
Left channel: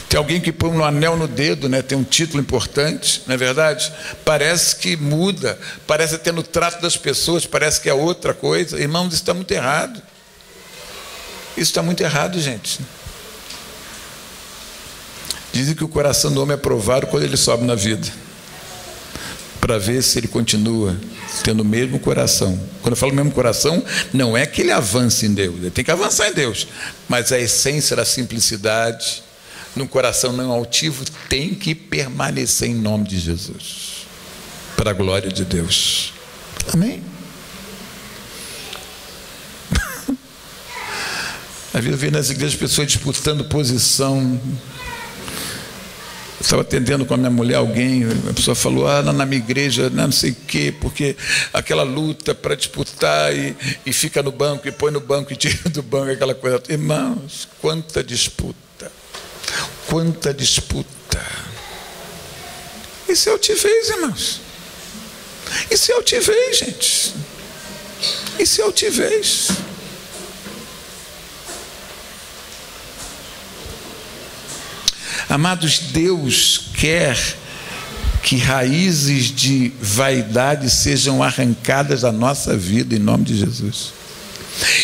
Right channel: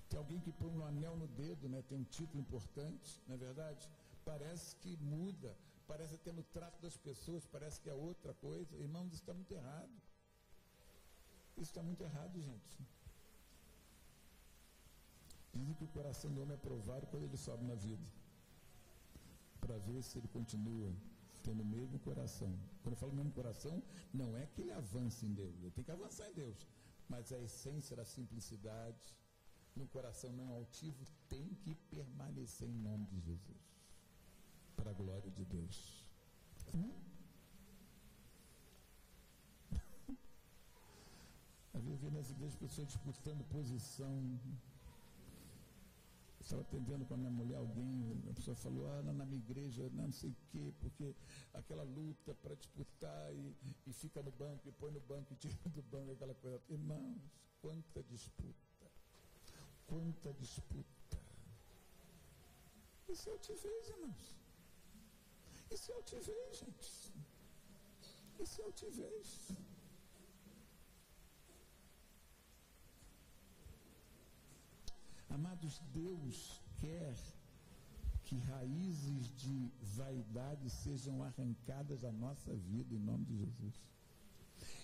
Tem alguém que põe um anel no dedo, né? Tem um título importante, não é verdade? Parece que muda, parece até no trato das pessoas, parece que é outra coisa. Irmãos, isso está muito errado. Isso está muito errado, gente. Dizem que o coração do homem é provado quando ele sobe na vida, para ver se ele continua tendo o mesmo coração. Quando eu falo mesmo coração, não é que ele avance em Deus, ele tem que avançar em Deus, mas a essência da simplicidade, num coração não altivo, tem que permanecer em nome de Jesus, para a glória de Deus. Amém? Às vezes eu vejo nas igrejas pessoas disputando posição. Eu estava atendendo com a minha mulher alguém, a pessoa falou, na minha igreja, não sei o quê, porque aquela luta para disputar e fica no banco, e põe no banco e tira do banco, aquela coisa. Irmãos, quanta disputa, quanta disputa. Isso é altivez, irmãos. Isso é altivez, gente. Isso é altivez. Amados, Deus quer que raízes de vaidade sejam arrancadas da nossa vida em nome de Jesus.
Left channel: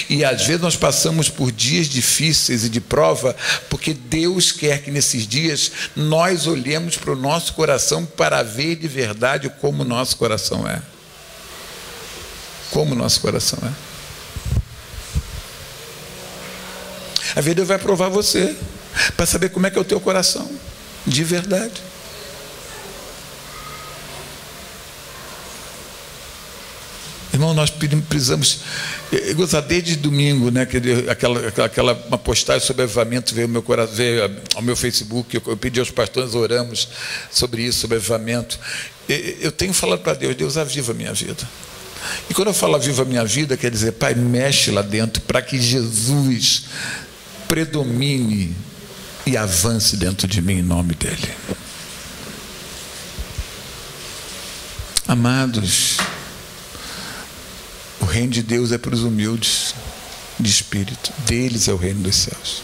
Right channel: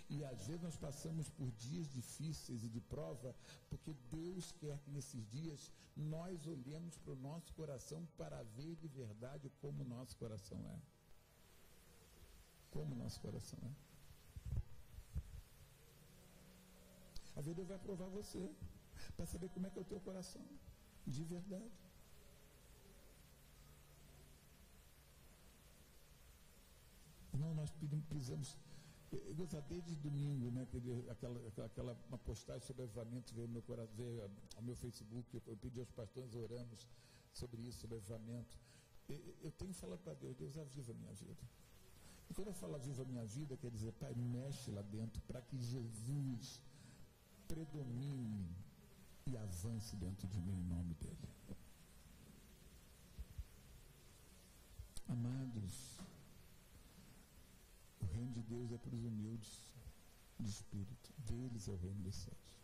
E às vezes nós passamos por dias difíceis e de prova, porque Deus quer que nesses dias nós olhemos para o nosso coração para ver de verdade como o nosso coração é. Como o nosso coração é. A vida Deus vai provar você, para saber como é que é o teu coração, de verdade. Irmão, nós precisamos, eu gostar desde domingo, né, aquela uma postagem sobre avivamento veio ao meu coração, veio ao meu Facebook, eu pedi aos pastores, oramos sobre isso, sobre avivamento. Eu tenho falado para Deus, Deus aviva a minha vida. E quando eu falo aviva a minha vida, quer dizer, Pai, mexe lá dentro, para que Jesus predomine e avance dentro de mim em nome dele. Amados, o reino de Deus é para os humildes de espírito. Deles é o reino dos céus.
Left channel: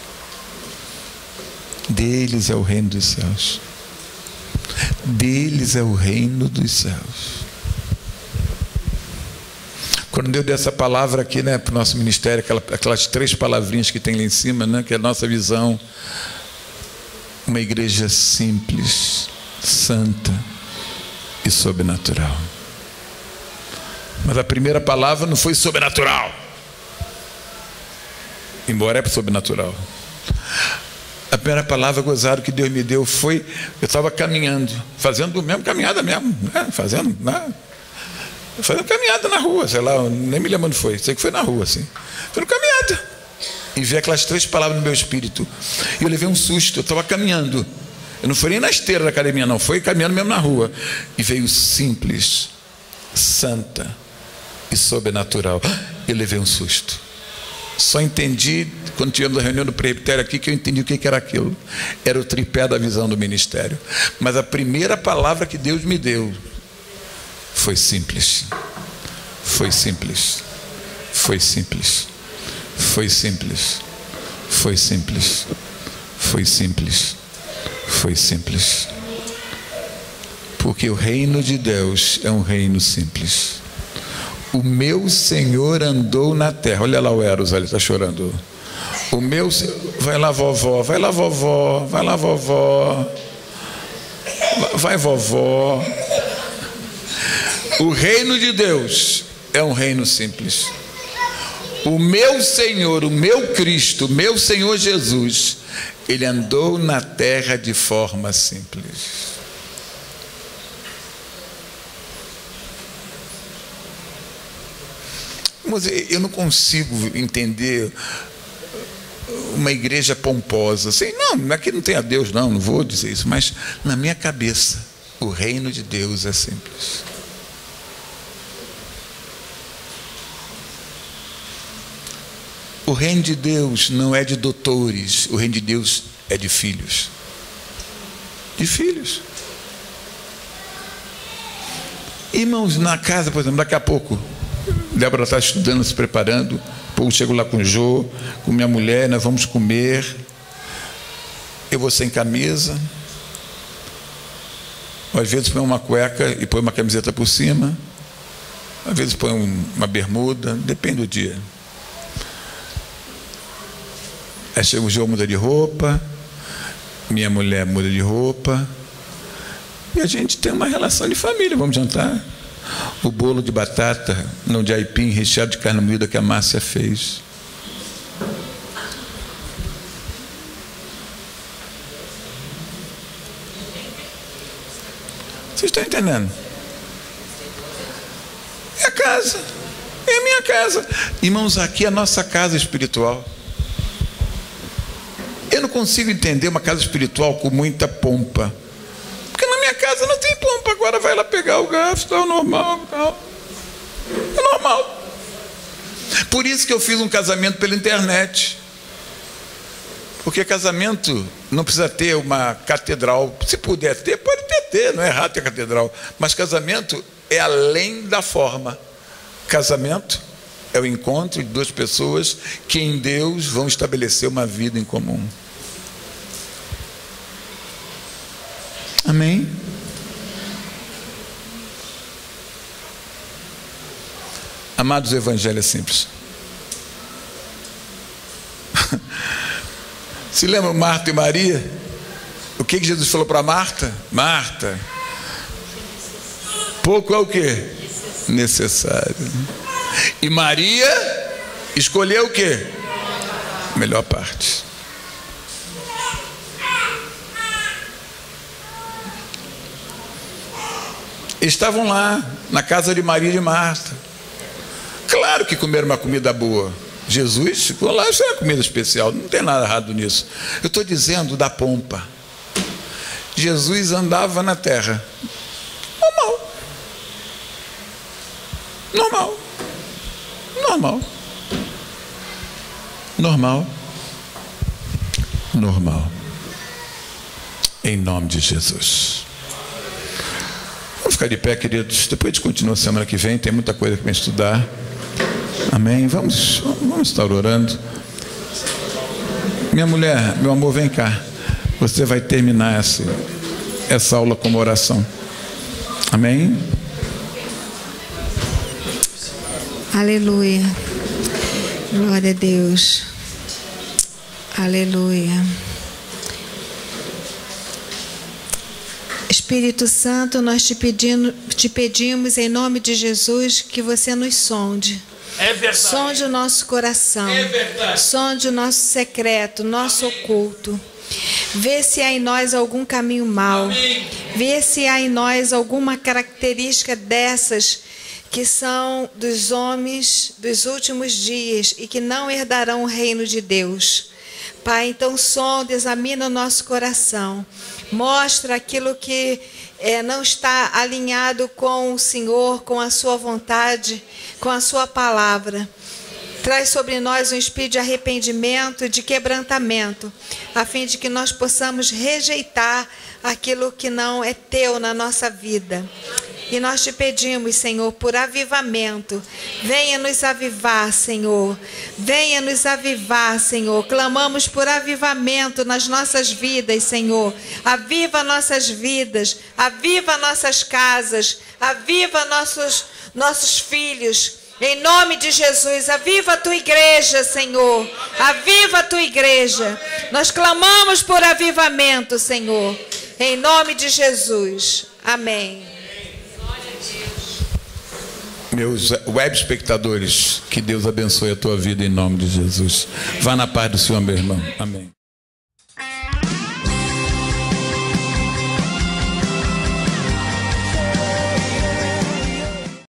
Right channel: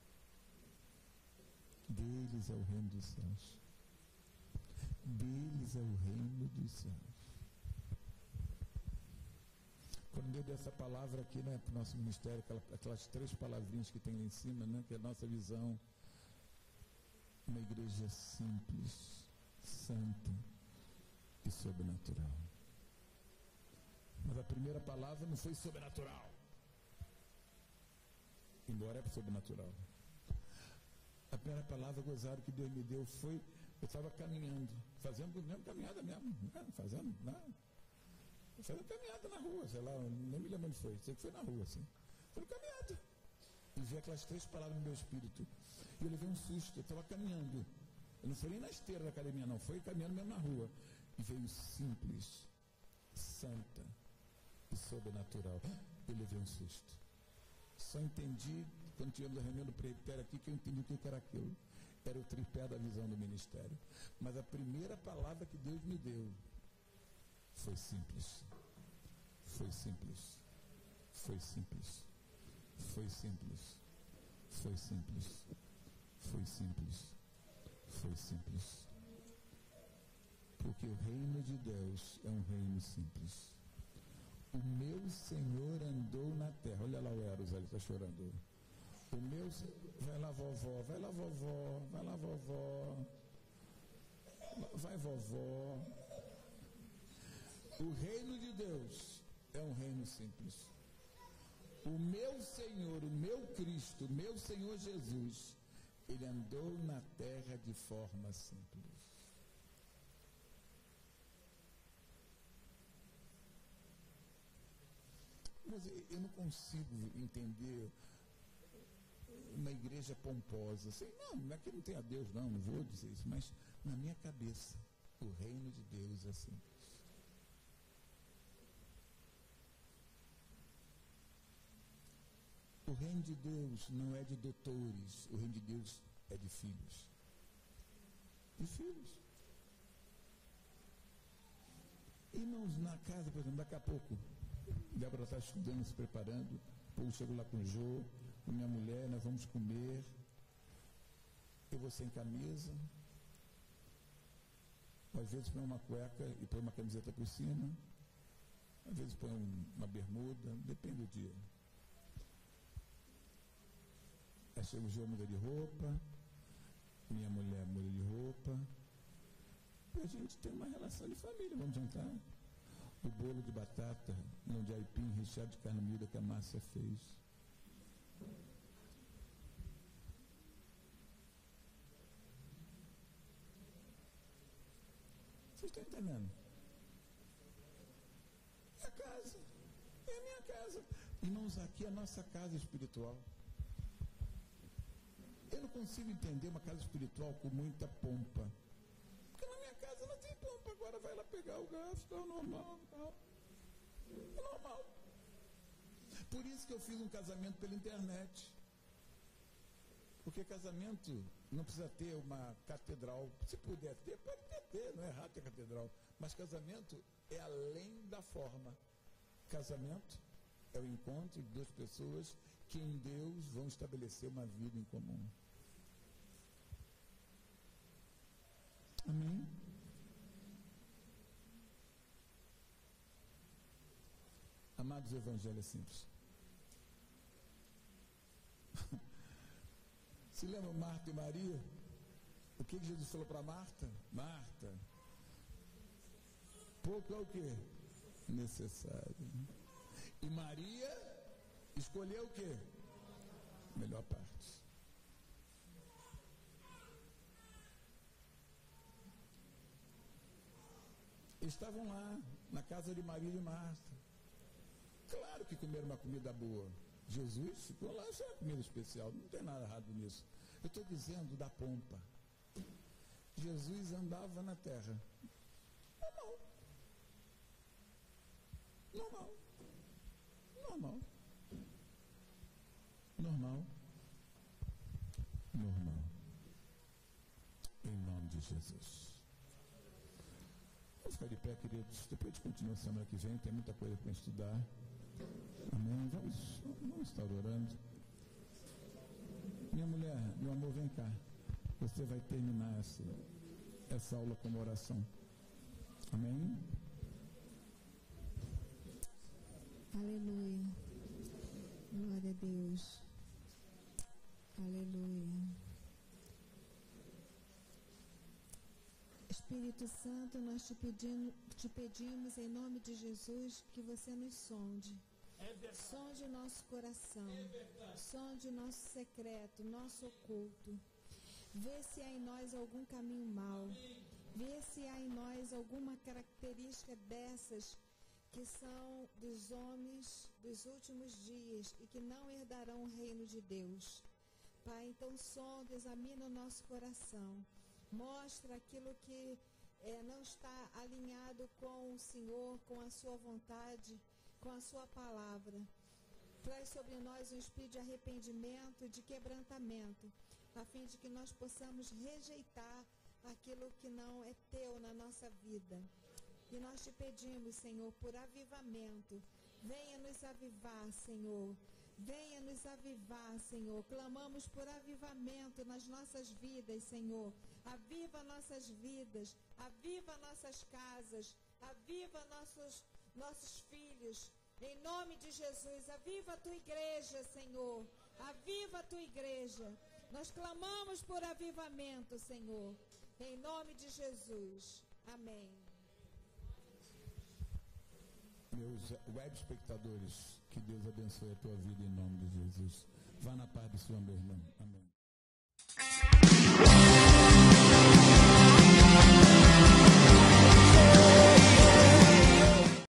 Deles é o reino dos céus. Deles é o reino dos céus. Quando Deus deu essa palavra aqui, né, para o nosso ministério, aquelas 3 palavrinhas que tem lá em cima, né, que é a nossa visão, uma igreja simples, santa e sobrenatural. Mas a primeira palavra não foi sobrenatural, embora é sobrenatural. A primeira palavra gozada que Deus me deu foi, eu estava caminhando, fazendo mesmo caminhada mesmo, né? Fazendo caminhada na rua, sei lá, nem me lembro onde foi, sei que foi na rua, assim. Foi caminhada. E vi aquelas 3 palavras no meu espírito. E eu levei um susto, eu estava caminhando. Eu não fui nem na esteira da academia, não, foi caminhando mesmo na rua. E veio simples, santa e sobrenatural. Eu levei um susto. Só entendi, quando tivemos a reunião do presbitério aqui, que eu entendi o que era aquilo. Era o tripé da visão do ministério. Mas a primeira palavra que Deus me deu foi simples. Foi simples. Foi simples. Foi simples. Foi simples. Foi simples. Foi simples. Porque o reino de Deus é um reino simples. O meu Senhor andou na terra. Olha lá o Eros, ele está chorando. O meu Senhor... Vai lá, vovó. Vai lá, vovó. Vai lá, vovó. Vai, vovó. O reino de Deus é um reino simples. O meu Senhor, o meu Cristo, o meu Senhor Jesus, ele andou na terra de forma simples. Mas eu não consigo entender uma igreja pomposa assim, não, aqui não tem a Deus, não vou dizer isso, mas na minha cabeça o reino de Deus é simples. O reino de Deus não é de doutores, o reino de Deus é de filhos. de filhos. Irmãos, na casa, por exemplo, daqui a pouco, Débora está estudando, se preparando, pouco chego lá com o Jô, com minha mulher, nós vamos comer, eu vou sem camisa, às vezes põe uma cueca e põe uma camiseta por cima, às vezes põe uma bermuda, depende do dia. Aí chega o Jô, muda de roupa, minha mulher muda de roupa, e a gente tem uma relação de família, vamos jantar. O bolo de batata, não de aipim, recheado de carne moída que a Márcia fez. Vocês estão entendendo? É a casa, é a minha casa. Irmãos, aqui é a nossa casa espiritual. Eu não consigo entender uma casa espiritual com muita pompa. Porque na minha casa não tem pompa. Agora vai lá pegar o gasto, é o normal. É normal. Por isso que eu fiz um casamento pela internet. Porque casamento não precisa ter uma catedral. Se puder ter, pode ter, não é errado ter catedral. Mas casamento é além da forma. Casamento é o encontro de duas pessoas que em Deus vão estabelecer uma vida em comum. Amém? Amados, o evangelho é simples. Se lembram Marta e Maria? O que Jesus falou para Marta? Marta, pouco é o quê? Necessário. E Maria escolheu o quê? A melhor parte. Estavam lá na casa de Maria e de Marta. Claro que comeram uma comida boa. Jesus ficou lá, isso é uma comida especial, não tem nada errado nisso. Eu estou dizendo da pompa. Jesus andava na terra. Normal. Normal. Normal. Normal. Normal. Em nome de Jesus. Vamos ficar de pé, queridos. Depois a gente continua semana que vem, tem muita coisa para estudar. Amém? Vamos estar orando. Minha mulher, meu amor, vem cá. Você vai terminar essa aula com uma oração. Amém? Aleluia. Glória a Deus. Aleluia. Espírito Santo, nós te pedimos em nome de Jesus que você nos sonde. É verdade. Sonde o nosso coração. É verdade. Sonde o nosso secreto, nosso oculto. Vê se há em nós algum caminho mau. Amém. Vê se há em nós alguma característica dessas que são dos homens dos últimos dias e que não herdarão o reino de Deus. Pai, então sonda, examina o nosso coração. Mostra aquilo que não está alinhado com o Senhor, com a sua vontade, com a sua palavra. Traz sobre nós um espírito de arrependimento e de quebrantamento, a fim de que nós possamos rejeitar aquilo que não é teu na nossa vida. E nós te pedimos, Senhor, por avivamento. Venha nos avivar, Senhor. Venha nos avivar, Senhor. Clamamos por avivamento nas nossas vidas, Senhor. Aviva nossas vidas. Aviva nossas casas. Aviva nossos filhos. Em nome de Jesus, aviva a tua igreja, Senhor. Aviva a tua igreja. Nós clamamos por avivamento, Senhor. Em nome de Jesus. Amém. Meus web espectadores, que Deus abençoe a tua vida em nome de Jesus. Vá na paz do Senhor, meu irmão. Amém.